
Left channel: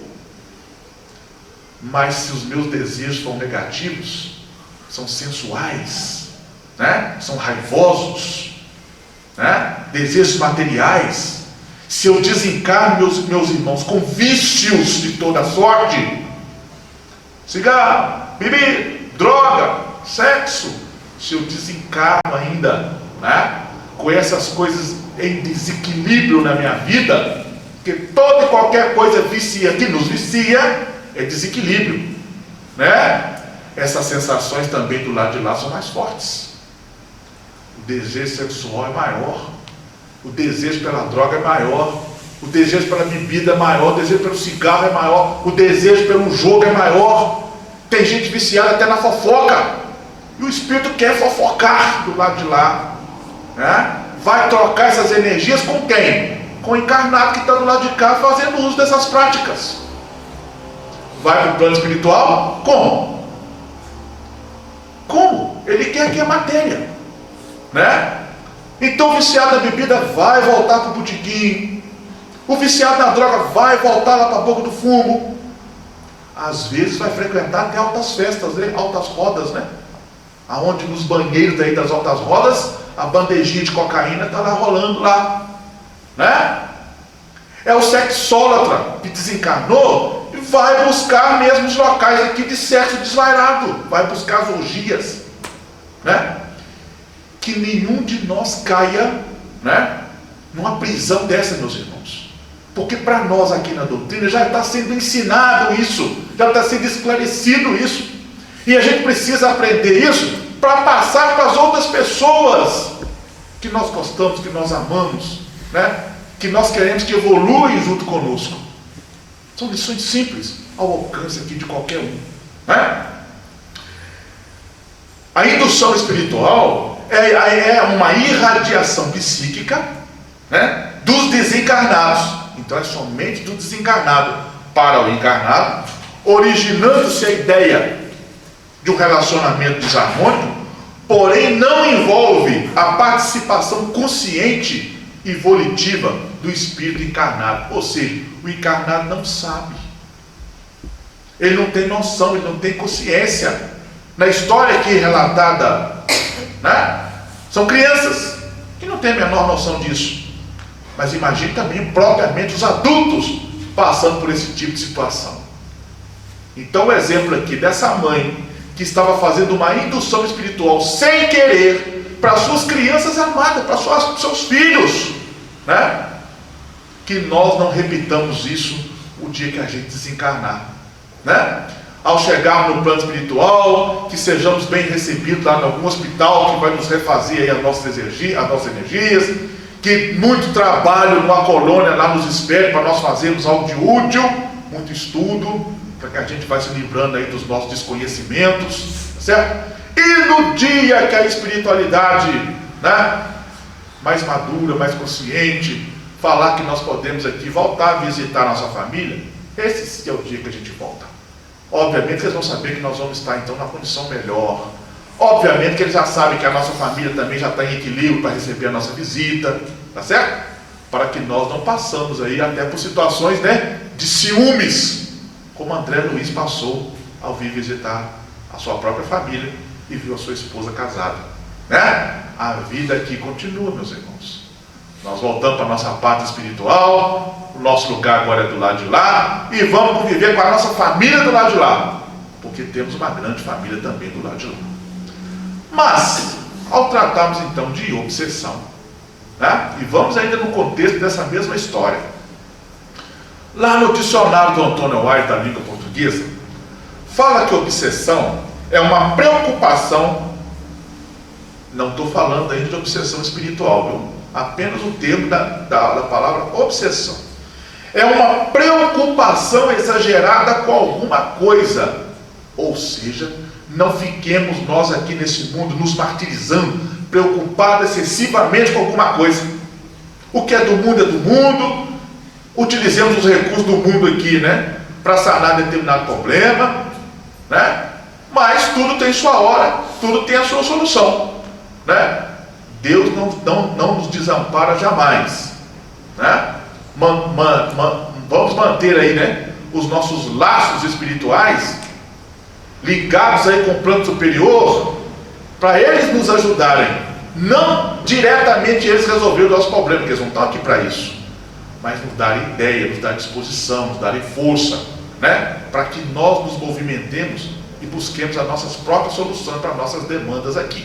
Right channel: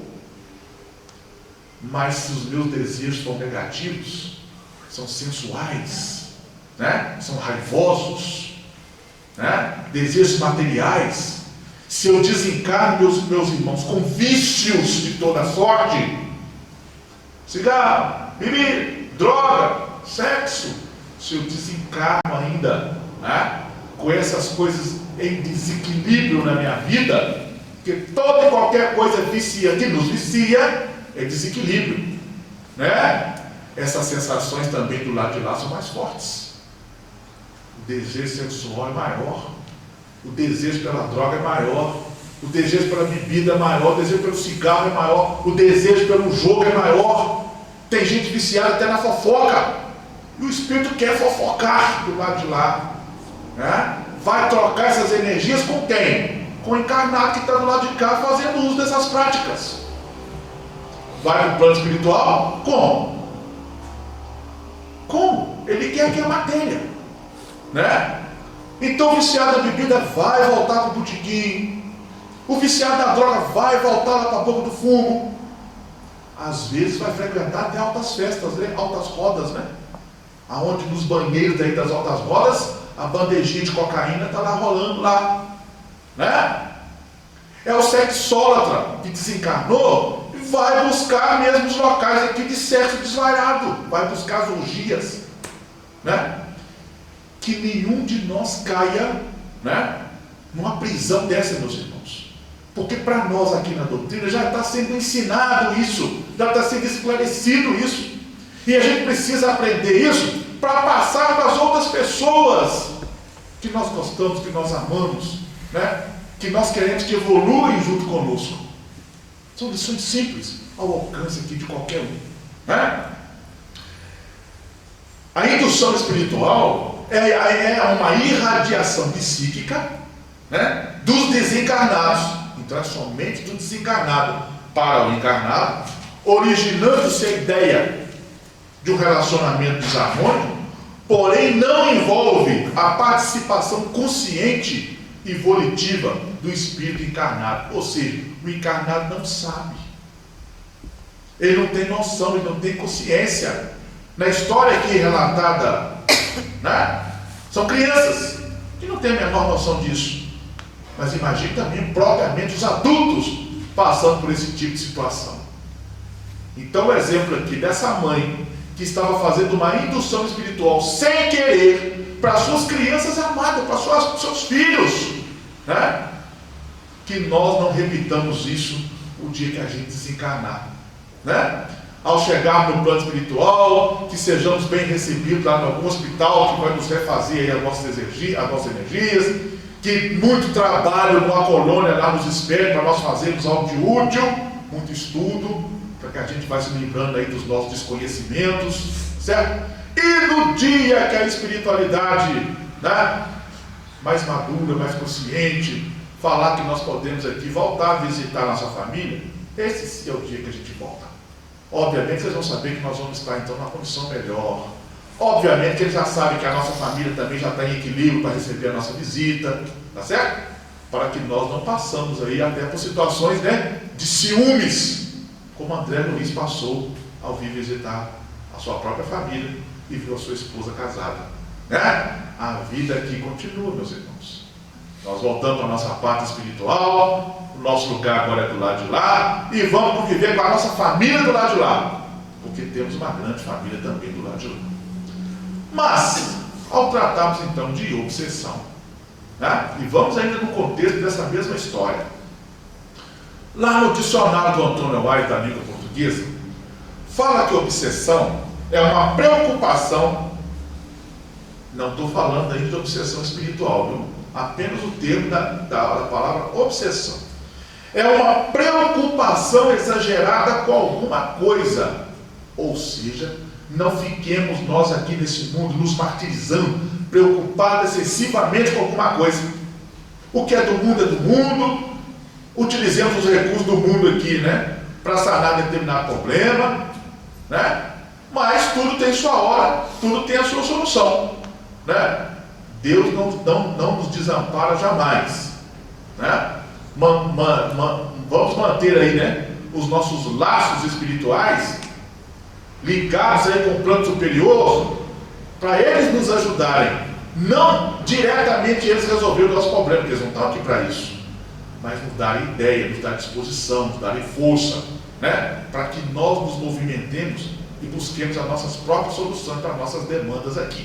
Mas se os meus desejos são negativos, são sensuais, né? São raivosos, né? Desejos materiais, se eu desencarno, meus irmãos, com vícios de toda sorte, cigarro, bebida, droga, sexo, se eu desencarno ainda, né, com essas coisas em desequilíbrio na minha vida, porque toda e qualquer coisa vicia, que nos vicia, é desequilíbrio, né? Essas sensações também do lado de lá são mais fortes. O desejo sexual é maior, o desejo pela droga é maior, o desejo pela bebida é maior, o desejo pelo cigarro é maior, o desejo pelo jogo é maior. Tem gente viciada até na fofoca, e o espírito quer fofocar do lado de lá, né? Vai trocar essas energias com quem? Com o encarnado que está do lado de cá fazendo uso dessas práticas. Vai para o plano espiritual? Como? Como? Ele quer que é matéria, né? Então o viciado da bebida vai voltar para o botequim, o viciado da droga vai voltar lá para a boca do fumo, às vezes vai frequentar até altas festas, né? Altas rodas, né? Aonde nos banheiros daí das altas rodas, a bandejinha de cocaína está lá rolando lá, né? É o sexólatra que desencarnou e vai buscar mesmo os locais aqui de sexo desvairado, vai buscar as orgias, né? Que nenhum de nós caia, né, numa prisão dessa, meus irmãos, porque para nós aqui na doutrina já está sendo ensinado isso, já está sendo esclarecido isso, e a gente precisa aprender isso para passar para as outras pessoas que nós gostamos, que nós amamos, né, que nós queremos que evoluem junto conosco. São lições simples, ao alcance aqui de qualquer um, né? A indução espiritual é uma irradiação psíquica, né, dos desencarnados. Então é somente do desencarnado para o encarnado, originando-se a ideia de um relacionamento desarmônico, porém não envolve a participação consciente e volitiva do espírito encarnado. Ou seja, o encarnado não sabe, ele não tem noção, ele não tem consciência. Na história aqui relatada, né, são crianças que não têm a menor noção disso. Mas imagine também propriamente os adultos passando por esse tipo de situação. Então o exemplo aqui dessa mãe que estava fazendo uma indução espiritual sem querer para suas crianças amadas, para seus filhos, né? Que nós não repitamos isso o dia que a gente desencarnar, né? Ao chegarmos no plano espiritual, que sejamos bem recebidos lá em algum hospital que vai nos refazer aí as nossas energias, que muito trabalho numa colônia lá nos espere para nós fazermos algo de útil, muito estudo, para que a gente vai se livrando aí dos nossos desconhecimentos, certo? E no dia que a espiritualidade, né, mais madura, mais consciente, falar que nós podemos aqui voltar a visitar a nossa família, esse sim é o dia que a gente volta. Obviamente que eles vão saber que nós vamos estar então na condição melhor. Obviamente que eles já sabem que a nossa família também já está em equilíbrio para receber a nossa visita, tá certo? Para que nós não passamos aí até por situações, né, de ciúmes, como André Luiz passou ao vir visitar a sua própria família e viu a sua esposa casada, né? A vida aqui continua, meus irmãos. Nós voltamos para a nossa pátria espiritual, o nosso lugar agora é do lado de lá, e vamos conviver com a nossa família do lado de lá, porque temos uma grande família também do lado de lá. Mas, ao tratarmos então de obsessão, né, e vamos ainda no contexto dessa mesma história, lá no dicionário do Antônio White da língua portuguesa, fala que obsessão é uma preocupação, não estou falando ainda de obsessão espiritual, viu? Apenas o termo da palavra obsessão. É uma preocupação exagerada com alguma coisa. Ou seja, não fiquemos nós aqui nesse mundo nos martirizando, preocupados excessivamente com alguma coisa. O que é do mundo, utilizemos os recursos do mundo aqui, né, para sanar determinado problema, né? Mas tudo tem sua hora, tudo tem a sua solução, né? Deus não nos desampara jamais, né? Vamos manter aí, né, os nossos laços espirituais ligados aí com o plano superior, para eles nos ajudarem, não diretamente eles resolverem os nossos problemas, porque eles não estão aqui para isso, mas nos darem ideia, nos darem disposição, nos darem força, né, para que nós nos movimentemos e busquemos as nossas próprias soluções para nossas demandas aqui.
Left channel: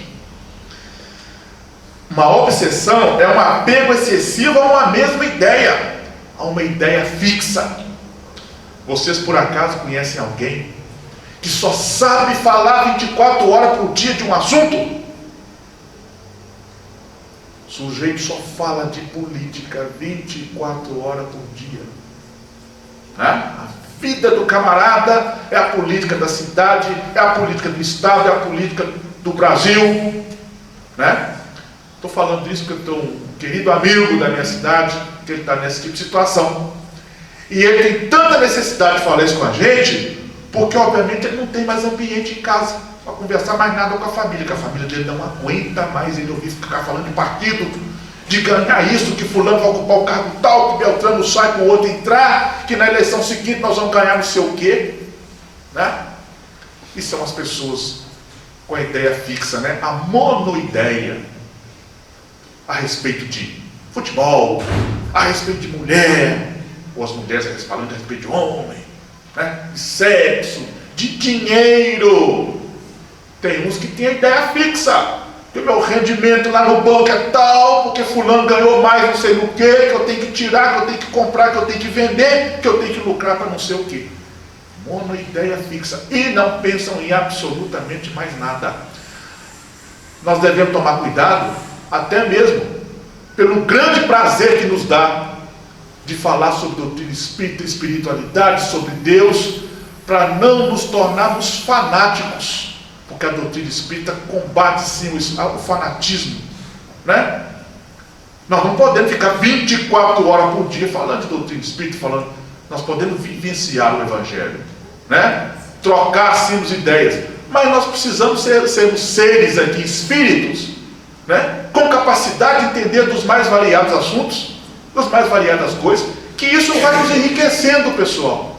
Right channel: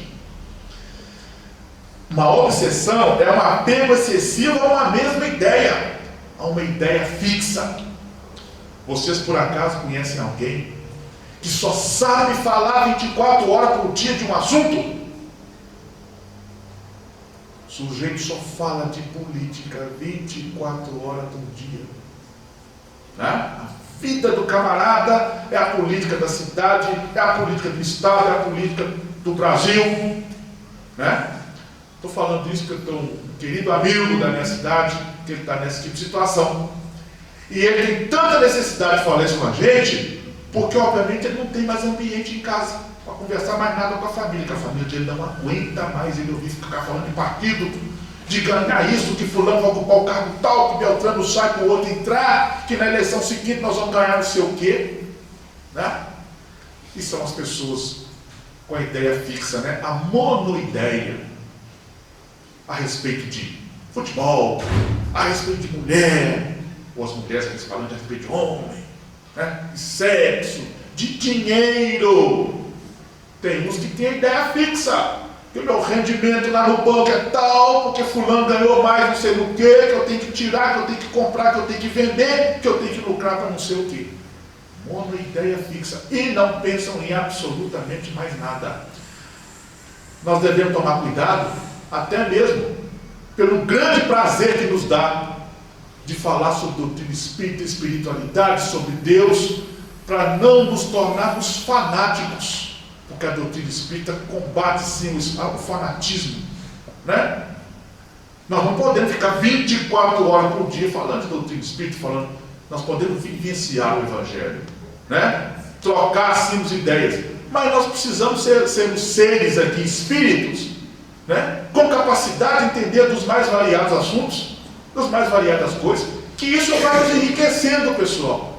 Uma obsessão é um apego excessivo a uma mesma ideia, a uma ideia fixa. Vocês por acaso conhecem alguém que só sabe falar 24 horas por dia de um assunto? O sujeito só fala de política 24 horas por dia, né? A vida do camarada é a política da cidade, é a política do estado, é a política do Brasil, né? Estou falando isso porque eu tenho um querido amigo da minha cidade, que ele está nesse tipo de situação. E ele tem tanta necessidade de falar isso com a gente, porque obviamente ele não tem mais ambiente em casa para conversar mais nada com a família, que a família dele não aguenta mais ele ouvir ficar falando de partido, de ganhar isso, que fulano vai ocupar o cargo tal, que Beltrano sai com o outro entrar, que na eleição seguinte nós vamos ganhar não sei o quê, né? E são as pessoas com a ideia fixa, né? A monoideia a respeito de futebol, a respeito de mulher, ou as mulheres falando a respeito de homem, né? De sexo, de dinheiro. Tem uns que têm a ideia fixa, que o meu rendimento lá no banco é tal, porque fulano ganhou mais não sei no que eu tenho que tirar, que eu tenho que comprar, que eu tenho que vender, que eu tenho que lucrar para não sei o que. Monoideia fixa. E não pensam em absolutamente mais nada. Nós devemos tomar cuidado, até mesmo pelo grande prazer que nos dá de falar sobre doutrina espírita, espiritualidade, sobre Deus, para não nos tornarmos fanáticos. porque a doutrina espírita combate sim o fanatismo, né? Nós não podemos ficar 24 horas por dia falando de doutrina espírita, nós podemos vivenciar o Evangelho, né? Trocar sim as ideias, mas nós precisamos sermos seres aqui, espíritos, né? Com capacidade de entender dos mais variados assuntos, das mais variadas coisas, que isso vai nos enriquecendo, pessoal.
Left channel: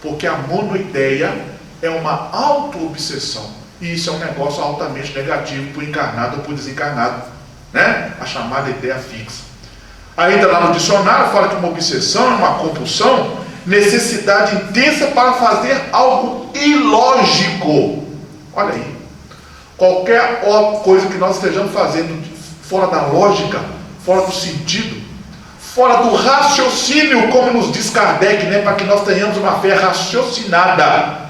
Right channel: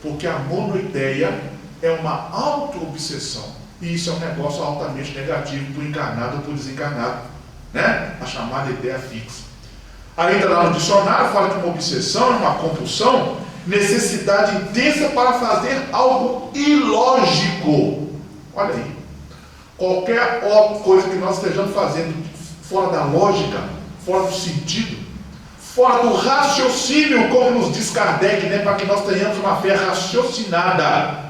Porque a monoideia é uma auto-obsessão. E isso é um negócio altamente negativo para o encarnado ou para o desencarnado, né? A chamada ideia fixa. Ainda lá no dicionário fala que uma obsessão é uma compulsão, necessidade intensa para fazer algo ilógico. Olha aí. Qualquer coisa que nós estejamos fazendo fora da lógica, fora do sentido, fora do raciocínio, como nos diz Kardec, né, para que nós tenhamos uma fé raciocinada,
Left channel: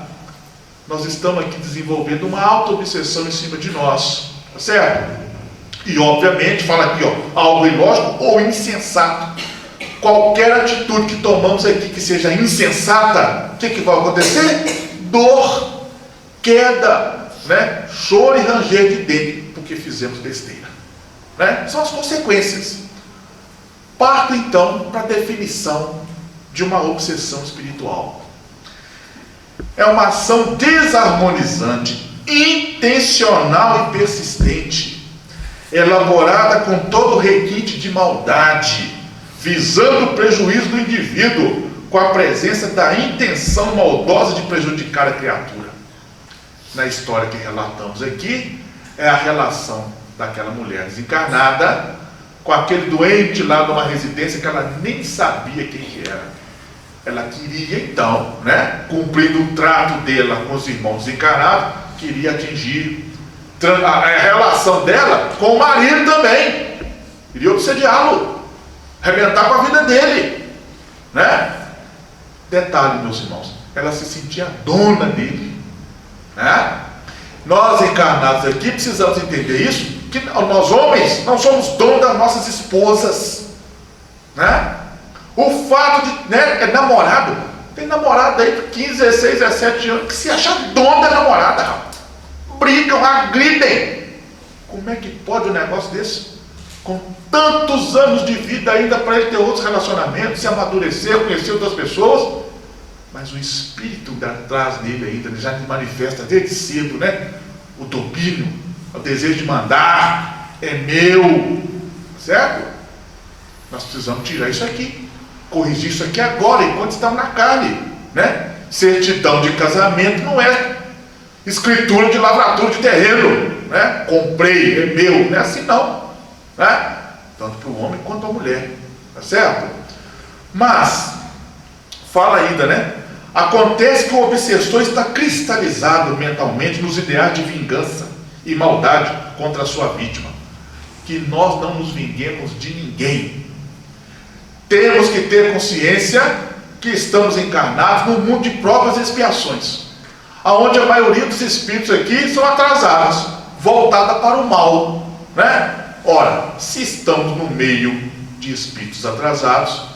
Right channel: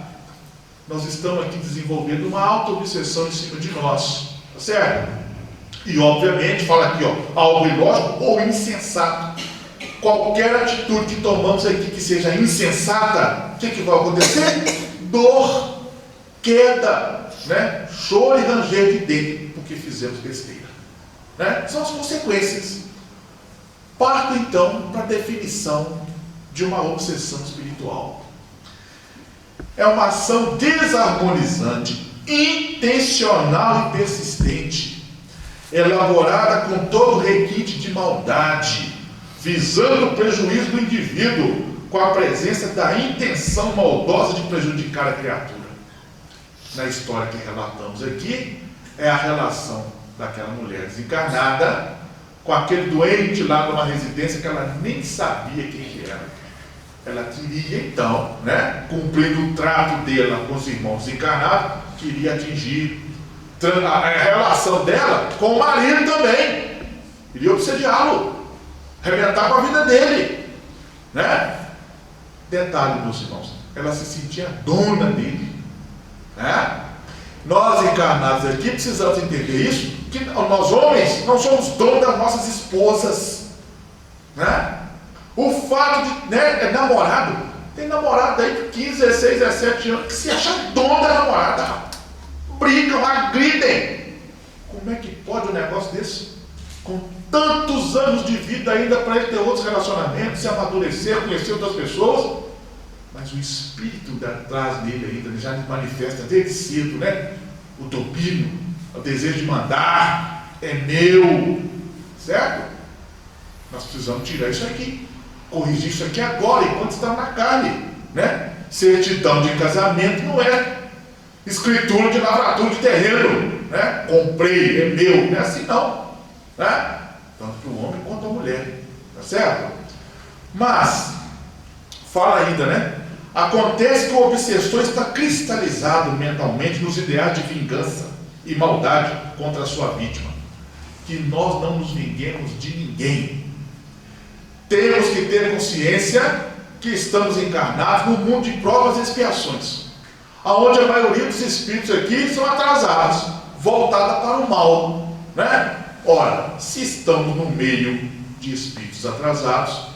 nós estamos aqui desenvolvendo uma auto-obsessão em cima de nós, tá certo? E obviamente, fala aqui, algo ilógico ou insensato. Qualquer atitude que tomamos aqui que seja insensata, o que vai acontecer? Dor, queda, né? Choro e ranger de dente, porque fizemos besteira, né? São as consequências. Parto então para a definição de uma obsessão espiritual. É uma ação desarmonizante, intencional e persistente, elaborada com todo requinte de maldade, visando o prejuízo do indivíduo, com a presença da intenção maldosa de prejudicar a criatura. Na história que relatamos aqui, é a relação daquela mulher desencarnada com aquele doente lá numa residência que ela nem sabia quem que era. Ela queria então, né, cumprindo o trato dela com os irmãos desencarnados, queria atingir a relação dela com o marido também. Queria obsediá-lo, arrebentar com a vida dele, né? Detalhe, meus irmãos, ela se sentia dona dele, né? Nós encarnados aqui precisamos entender isso, que nós homens não somos donos das nossas esposas, né? O fato de, né, namorado, tem namorado aí de 15, 16, 17 anos que se acha dono da namorada, brigam, agridem. Como é que pode um negócio desse? Com tantos anos de vida ainda para ele ter outros relacionamentos, se amadurecer, conhecer outras pessoas, mas o espírito atrás dele ainda, ele já manifesta desde cedo, né? O domínio, o desejo de mandar, é meu, certo? Nós precisamos tirar isso aqui, corrigir isso aqui agora, enquanto estamos na carne, né? Certidão de casamento não é escritura de lavratura de terreno, né? Comprei, é meu, não é assim não, né? Tanto para o homem quanto para a mulher, tá certo? Mas fala ainda, né? Acontece que o obsessor está cristalizado mentalmente nos ideais de vingança e maldade contra a sua vítima. Que nós não nos vinguemos de ninguém. Temos que ter consciência que estamos encarnados no mundo de provas e expiações, aonde a maioria dos espíritos aqui são atrasados, voltada para o mal, né? Ora, se estamos no meio de espíritos atrasados,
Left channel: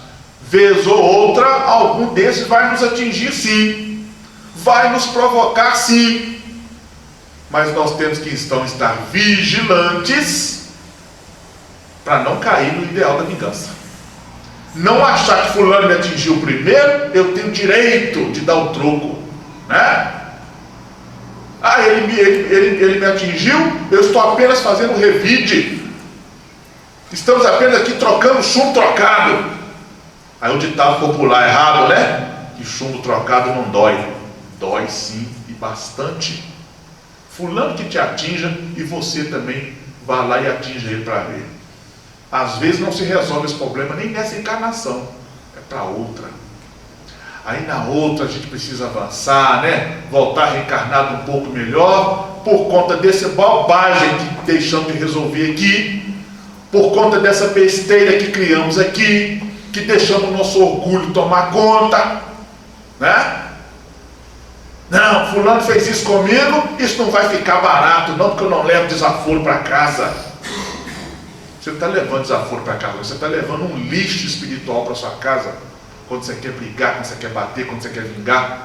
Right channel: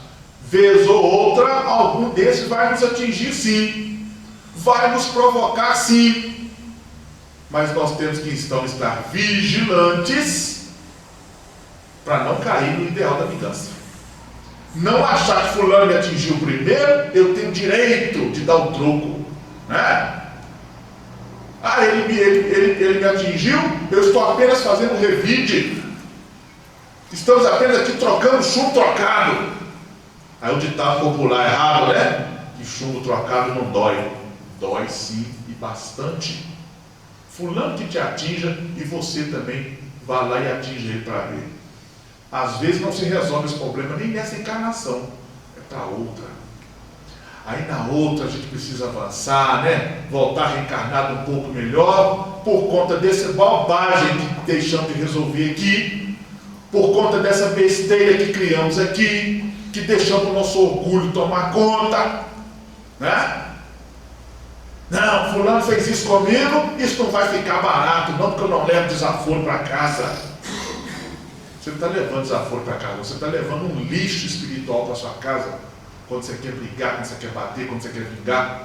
vez ou outra, algum desses vai nos atingir sim, vai nos provocar sim, mas nós temos que então estar vigilantes para não cair no ideal da vingança. Não achar que fulano me atingiu primeiro, eu tenho direito de dar o troco, né? Ah, ele me atingiu, eu estou apenas fazendo revide, estamos apenas aqui trocando chumbo trocado. Aí o ditado popular errado, né? Que chumbo trocado não dói. Dói sim, e bastante. Fulano que te atinja e você também vá lá e atinja ele para ver. Às vezes não se resolve esse problema nem nessa encarnação, é para outra. Aí na outra a gente precisa avançar, né? Voltar reencarnado um pouco melhor, por conta dessa bobagem que deixamos de resolver aqui, por conta dessa besteira que criamos aqui, que deixamos o nosso orgulho tomar conta, né? Não, fulano fez isso comigo, isso não vai ficar barato não, porque eu não levo desaforo para casa. Você não está levando desaforo para casa, você está levando um lixo espiritual para sua casa, quando você quer brigar, quando você quer bater, quando você quer vingar,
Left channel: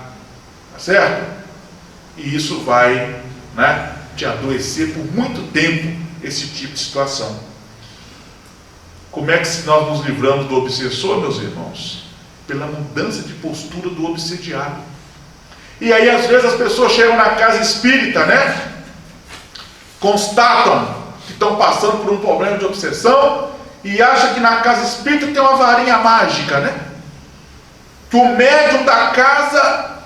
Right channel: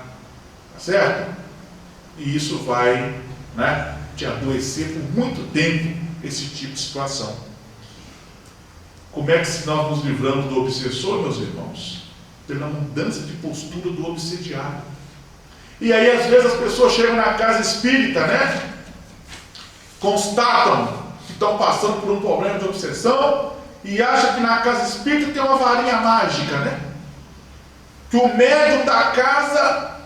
tá certo? E isso vai, né, te adoecer por muito tempo, esse tipo de situação. Como é que nós nos livramos do obsessor, meus irmãos? Pela mudança de postura do obsediado. E aí, às vezes, as pessoas chegam na casa espírita, né? Constatam que estão passando por um problema de obsessão e acham que na casa espírita tem uma varinha mágica, né? Que o médium da casa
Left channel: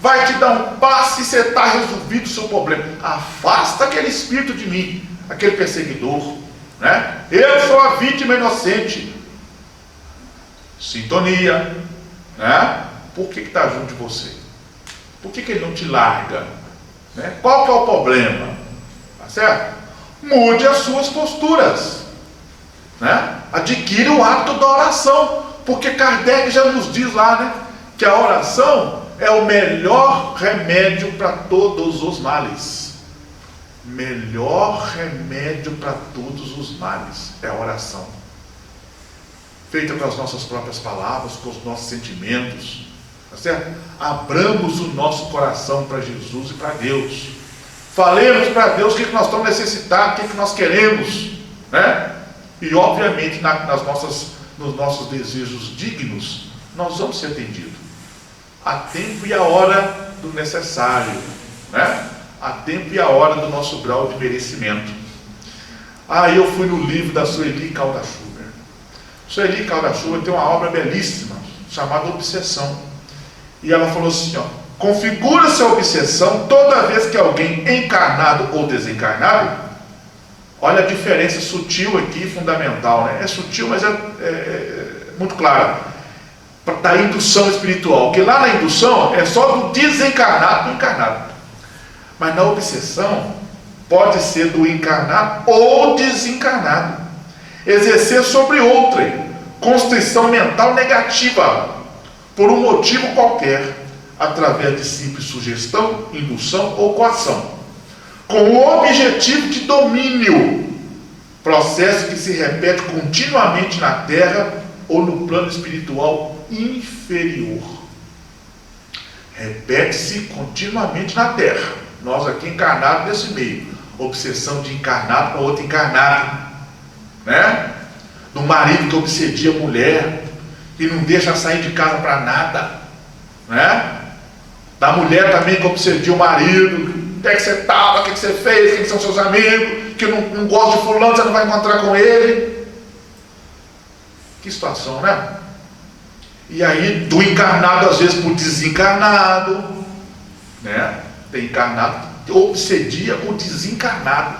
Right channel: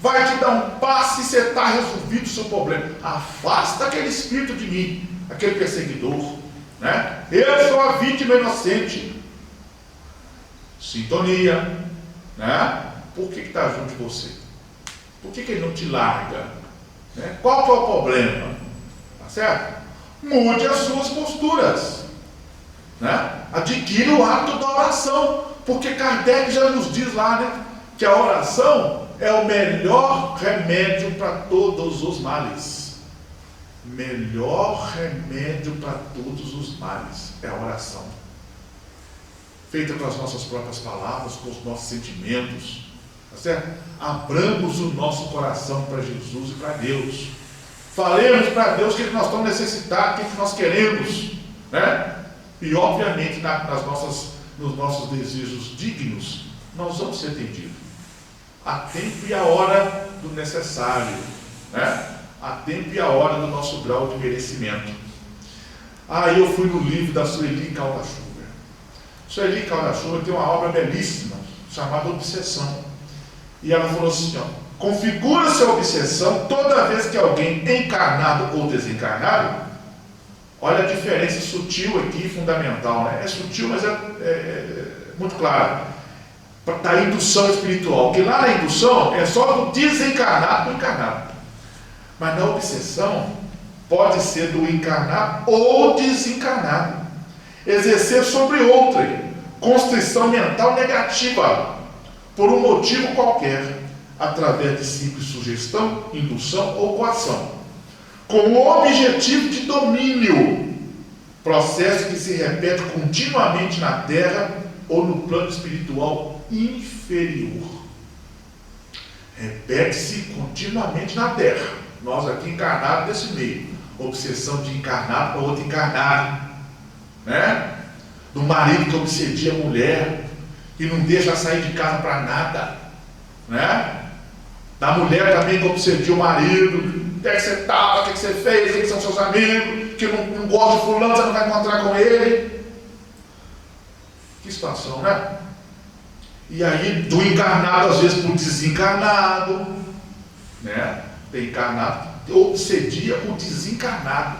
vai te dar um passe e você está resolvido o seu problema. Afasta aquele espírito de mim, aquele perseguidor, né? Eu sou a vítima inocente. Sintonia, né? Por que está junto de você? Por que ele não te larga? Né? Qual que é o problema? Tá certo? Mude as suas posturas, né? Adquira o hábito da oração, porque Kardec já nos diz lá, né, que a oração é o melhor remédio para todos os males. Melhor remédio para todos os males é a oração, feita com as nossas próprias palavras, com os nossos sentimentos, tá certo? Abramos o nosso coração para Jesus e para Deus. Falemos para Deus o que nós estamos necessitados, o que nós queremos, né? E obviamente nos nossos desejos dignos, nós vamos ser atendidos. A tempo e a hora do necessário, né? A tempo e a hora do nosso grau de merecimento. Aí eu fui no livro da Sueli Calda-Schubert. Sueli Calda-Schubert tem uma obra belíssima, chamada Obsessão. E ela falou assim, ó: configura-se a obsessão toda vez que alguém encarnado ou desencarnado, olha a diferença sutil aqui, fundamental, né? É sutil, mas é muito clara, da indução espiritual, porque lá na indução é só do desencarnado para o encarnado, mas na obsessão pode ser do encarnado ou desencarnado exercer sobre outrem constrição mental negativa por um motivo qualquer, através de simples sugestão, indução ou coação, com o objetivo de domínio, processo que se repete continuamente na Terra ou no plano espiritual inferior. Repete-se continuamente na Terra. Nós aqui encarnados nesse meio. Obsessão de encarnado para outro encarnado, né? Do marido que obsedia a mulher, que não deixa sair de casa para nada, né? Da mulher também que obsedia o marido. O que é que você estava, o que é que você fez, quem são seus amigos, que não gosta de fulano, você não vai encontrar com ele. Que situação, né? E aí, do encarnado às vezes para o desencarnado, né? Tem encarnado que obsedia o desencarnado,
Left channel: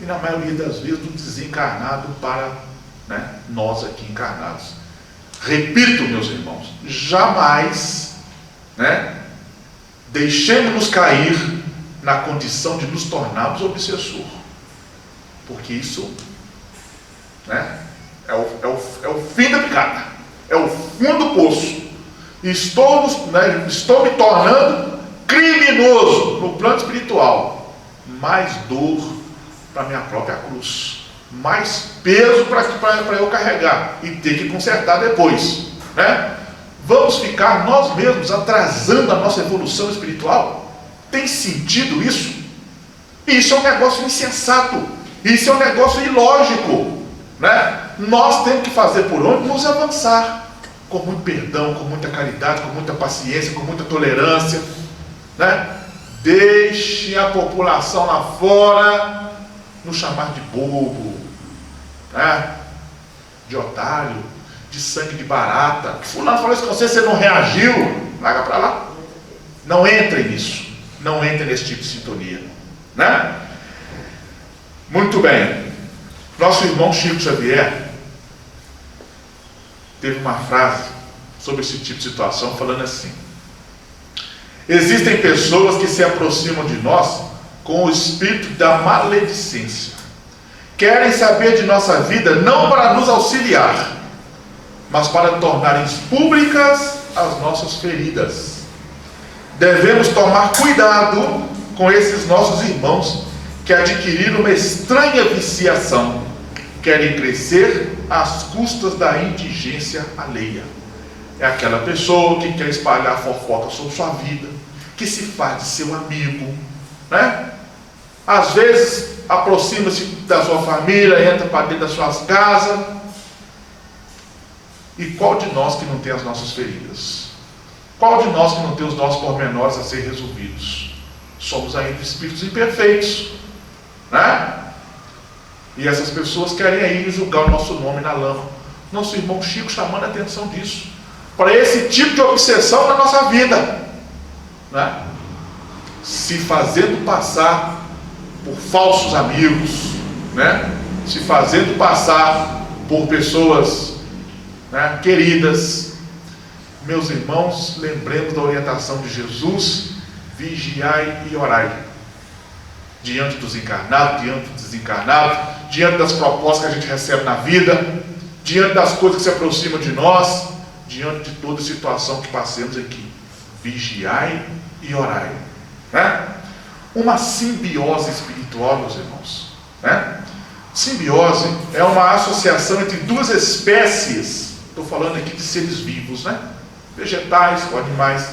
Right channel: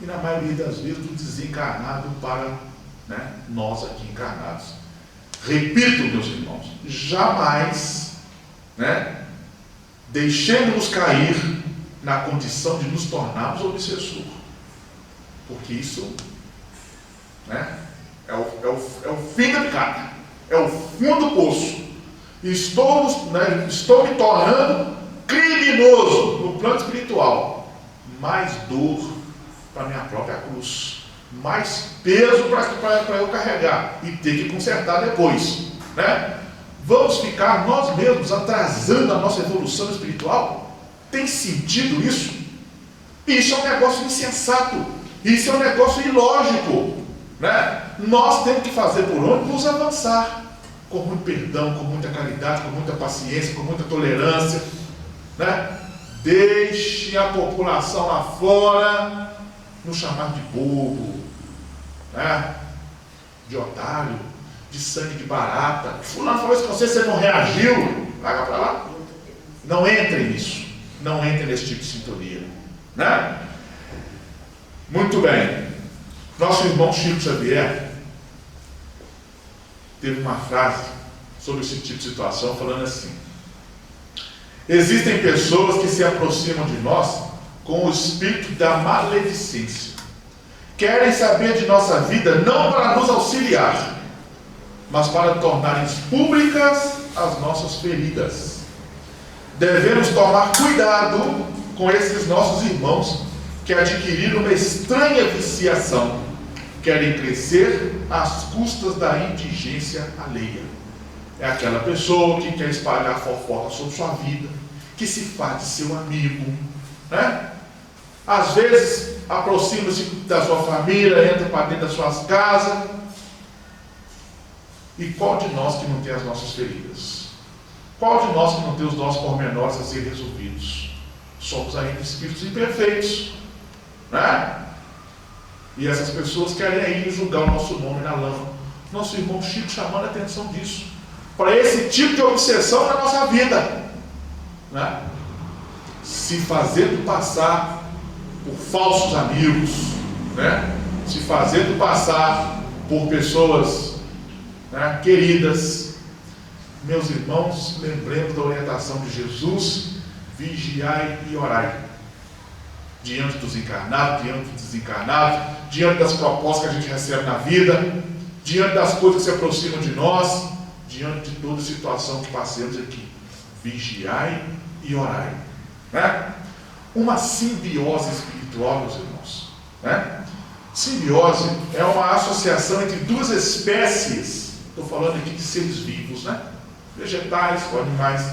e na maioria das vezes do desencarnado para, né, nós aqui encarnados. Repito, meus irmãos, jamais, né, deixemos-nos cair na condição de nos tornarmos obsessor, porque isso, né, é o fim da picada, é o fundo do poço. Estou me tornando criminoso no plano espiritual, mais dor para minha própria cruz, mais peso para eu carregar e ter que consertar depois, né? Vamos ficar nós mesmos atrasando a nossa evolução espiritual? Tem sentido isso? Isso é um negócio insensato, isso é um negócio ilógico, né? Nós temos que fazer por onde nos avançar, com muito perdão, com muita caridade, com muita paciência, com muita tolerância, né? Deixe a população lá fora nos chamar de bobo, né? De otário, de sangue de barata. Fulano falou isso com você, você não reagiu, larga para lá. Não entre nisso, não entre nesse tipo de sintonia, né? Muito bem. Nosso irmão Chico Xavier teve uma frase sobre esse tipo de situação, falando assim: existem pessoas que se aproximam de nós com o espírito da maledicência. Querem saber de nossa vida não para nos auxiliar, mas para tornarem públicas as nossas feridas. Devemos tomar cuidado com esses nossos irmãos que adquiriram uma estranha viciação. Querem crescer às custas da indigência alheia. É aquela pessoa que quer espalhar fofoca sobre sua vida, que se faz de seu amigo, né? Às vezes aproxima-se da sua família, entra para dentro das suas casas. E qual de nós que não tem as nossas feridas? Qual de nós que não tem os nossos pormenores a ser resolvidos? Somos ainda espíritos imperfeitos, né? E essas pessoas querem aí julgar o nosso nome na lama. Nosso irmão Chico chamando a atenção disso, para esse tipo de obsessão na nossa vida, né? Se fazendo passar por falsos amigos, né? Se fazendo passar por pessoas, né, queridas. Meus irmãos, lembremos da orientação de Jesus: vigiai e orai. Diante dos encarnados, diante dos desencarnados, diante das propostas que a gente recebe na vida, diante das coisas que se aproximam de nós, diante de toda situação que passemos aqui. Vigiai e orai, né? Uma simbiose espiritual, meus irmãos, né? Simbiose é uma associação entre duas espécies, estou falando aqui de seres vivos, né? Vegetais ou animais,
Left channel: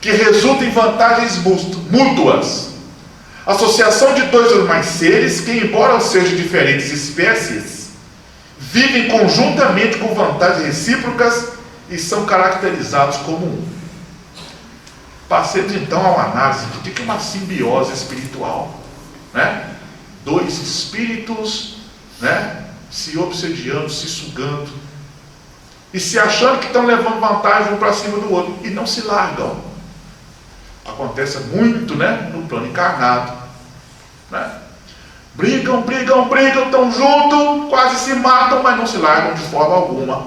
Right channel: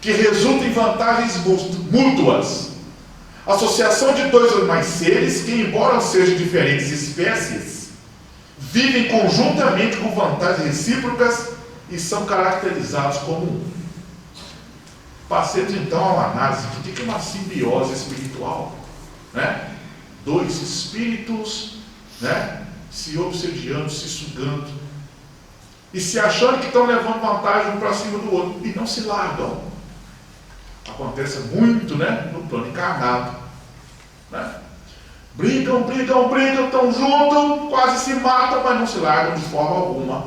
que resulta em vantagens mútuas. Associação de dois ou mais seres que, embora sejam diferentes espécies, vivem conjuntamente com vantagens recíprocas e são caracterizados como um. Passemos então a uma análise do que é uma simbiose espiritual, né? Dois espíritos, né, se obsediando, se sugando e se achando que estão levando vantagem um para cima do outro e não se largam. Acontece muito, né, no plano encarnado, né? Brigam, estão juntos, quase se matam, mas não se largam de forma alguma.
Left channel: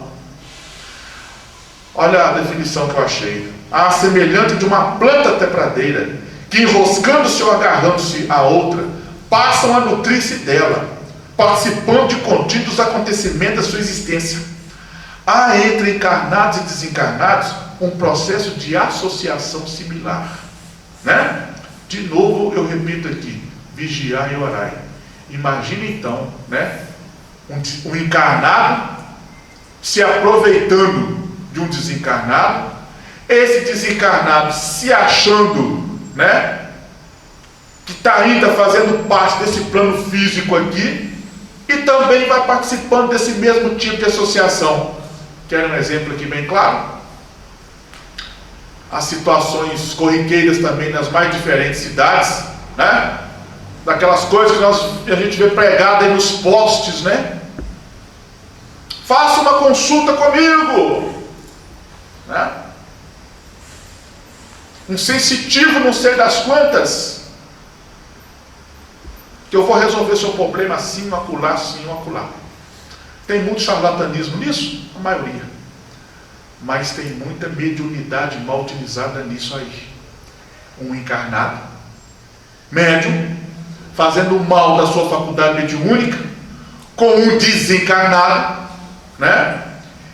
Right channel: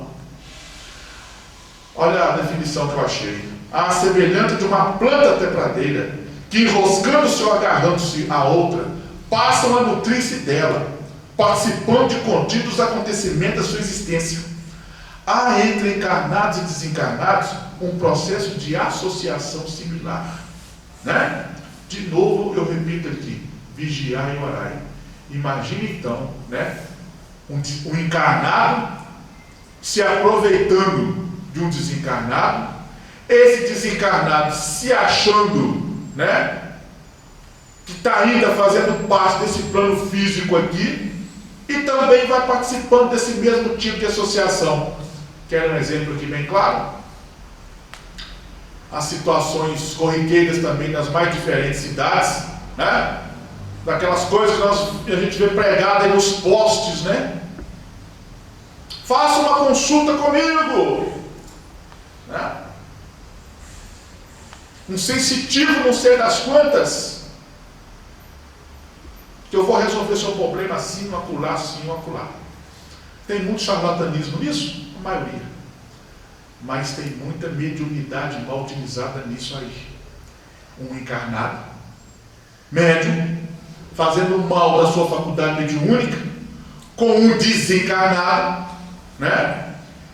Olha a definição que eu achei: a semelhante de uma planta trepadeira que, enroscando-se ou agarrando-se a outra, passam a nutrir-se dela, participando de contínuos acontecimentos da sua existência. Há entre encarnados e desencarnados um processo de associação similar, né? De novo eu repito aqui: vigiai e orai. Imagine então, né, um encarnado se aproveitando de um desencarnado, esse desencarnado se achando, né, que está ainda fazendo parte desse plano físico aqui, e também vai participando desse mesmo tipo de associação. Quero um exemplo aqui bem claro? As situações corriqueiras também nas mais diferentes cidades, né? Daquelas coisas que a gente vê pregada aí nos postes, né? Faça uma consulta comigo, né? Um sensitivo não sei das quantas, que eu vou resolver seu problema assim, acolá, assim, acolá. Tem muito charlatanismo nisso? A maioria. Mas tem muita mediunidade mal utilizada nisso aí. Um encarnado, médium, fazendo mal da sua faculdade mediúnica, com um desencarnado, né,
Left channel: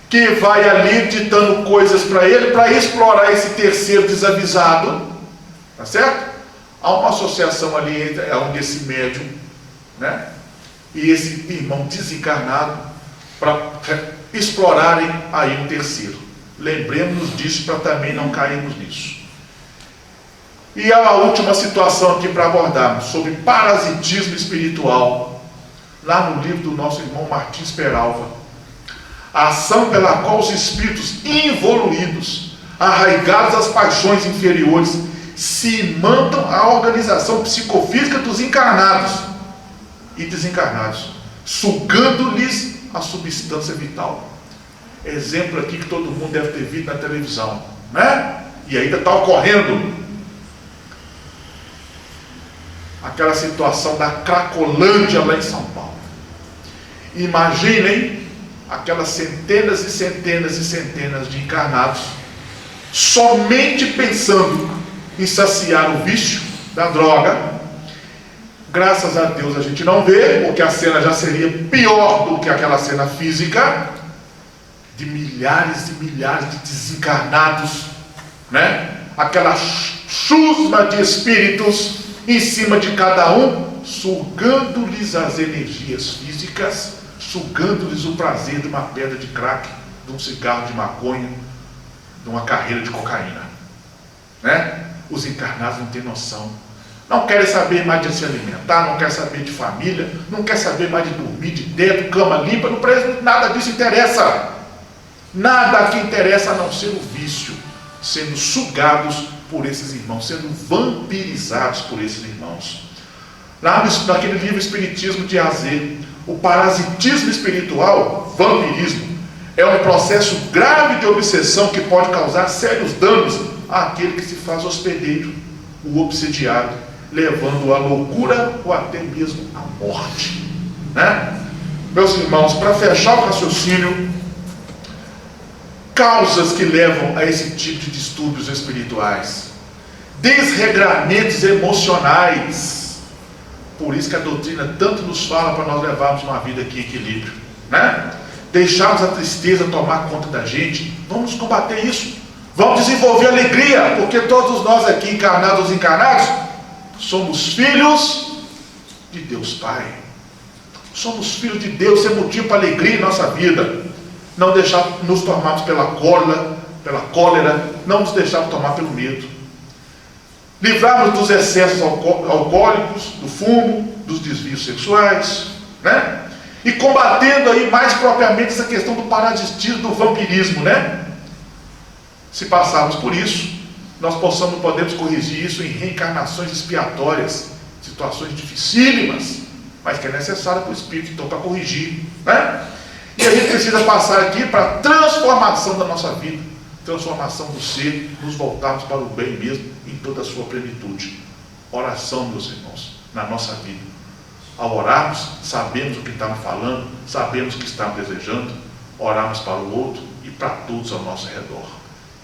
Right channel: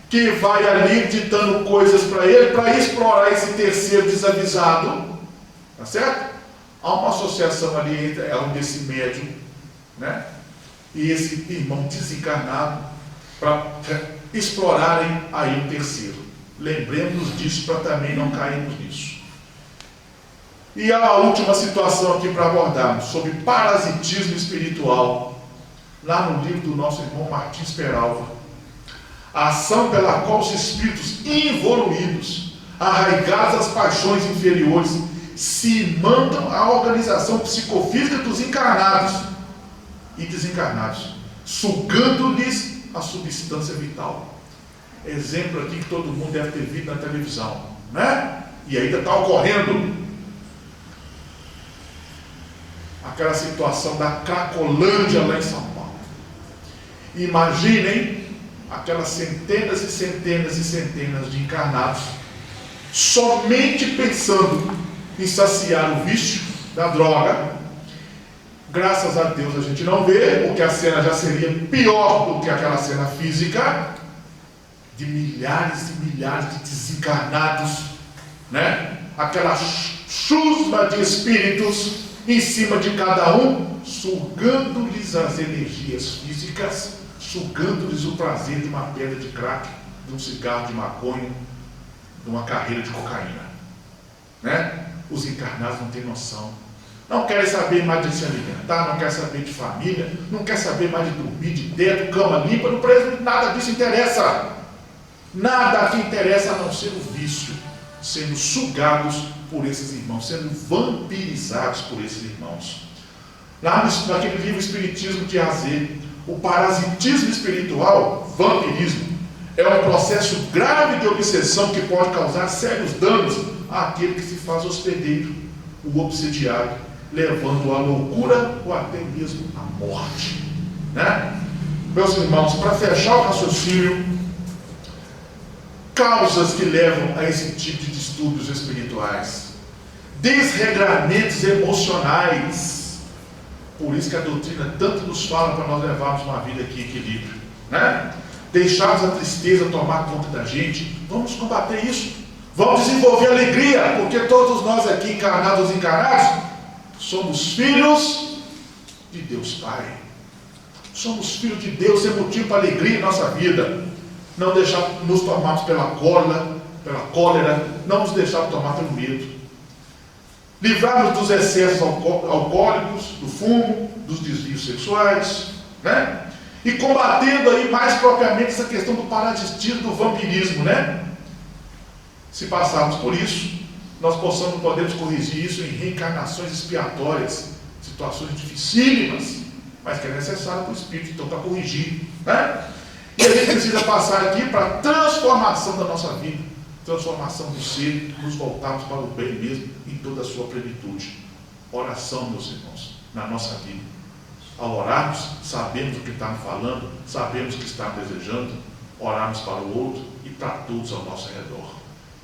que vai ali ditando coisas para ele, para explorar esse terceiro desavisado, tá certo? Há uma associação ali entre esse médium, né, e esse irmão desencarnado, para explorarem aí um terceiro. Lembremos-nos disso para também não cairmos nisso. E a última situação aqui para abordarmos, sobre parasitismo espiritual, lá no livro do nosso irmão Martins Peralva. A ação pela qual os espíritos involuídos, arraigados às paixões inferiores, se mandam à organização psicofísica dos encarnados e desencarnados, sugando-lhes a substância vital. Exemplo aqui que todo mundo deve ter visto na televisão, né? E ainda está ocorrendo aquela situação da Cracolândia lá em São Paulo. Imaginem aquelas centenas e centenas e centenas de encarnados somente pensando em saciar o vício da droga. Graças a Deus a gente não vê, porque a cena já seria pior do que aquela cena física, de milhares e milhares de desencarnados, né? Aquela chusma de espíritos em cima de cada um, sugando-lhes as energias físicas, sugando-lhes o prazer de uma pedra de crack, de um cigarro de maconha, de uma carreira de cocaína, né? Os encarnados não têm noção. Não querem saber mais de se alimentar, não querem saber de família, não querem saber mais de dormir, de teto, cama limpa, não parece nada disso interessa. Nada aqui interessa a não ser o vício, sendo sugados por esses irmãos, sendo vampirizados por esses irmãos. Lá naquele livro Espiritismo de Azer, o parasitismo espiritual, vampirismo, é um processo grave de obsessão que pode causar sérios danos àquele que se faz hospedeiro, o obsediado, levando-o à loucura ou até mesmo à morte. Né? Meus irmãos, para fechar o raciocínio, causas que levam a esse tipo de distúrbios espirituais: desregramentos emocionais. Por isso que a doutrina tanto nos fala para nós levarmos uma vida aqui em equilíbrio, né? Deixarmos a tristeza tomar conta da gente. Vamos combater isso. Vamos desenvolver alegria, porque todos nós aqui, encarnados ou desencarnados, somos filhos de Deus Pai. Somos filhos de Deus, é motivo para alegria em nossa vida. Não deixar nos tomarmos pela cólera, não nos deixarmos tomar pelo medo. Livrarmos dos excessos alcoólicos, do fumo, dos desvios sexuais, né? E combatendo aí mais propriamente essa questão do parasitismo, do vampirismo, né? Se passarmos por isso, nós podemos corrigir isso em reencarnações expiatórias, situações dificílimas, mas que é necessária para o Espírito, então, para corrigir, né? E a gente precisa passar aqui para a transformação da nossa vida, transformação do ser, nos voltarmos para o bem mesmo, em toda a sua plenitude. Oração, meus irmãos, na nossa vida. Ao orarmos, sabemos o que estamos falando, sabemos o que estamos desejando, orarmos para o outro e para todos ao nosso redor.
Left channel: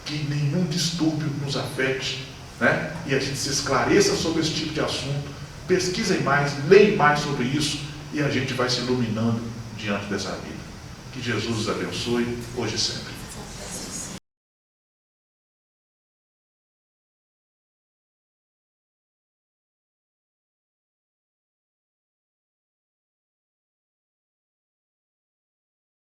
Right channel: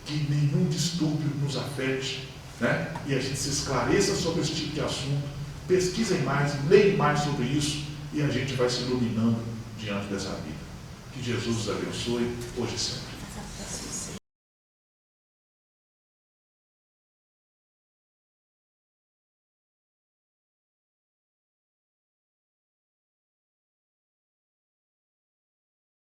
Que nenhum distúrbio nos afete, né? E a gente se esclareça sobre esse tipo de assunto, pesquisem mais, leem mais sobre isso, e a gente vai se iluminando diante dessa vida. Que Jesus os abençoe, hoje e sempre.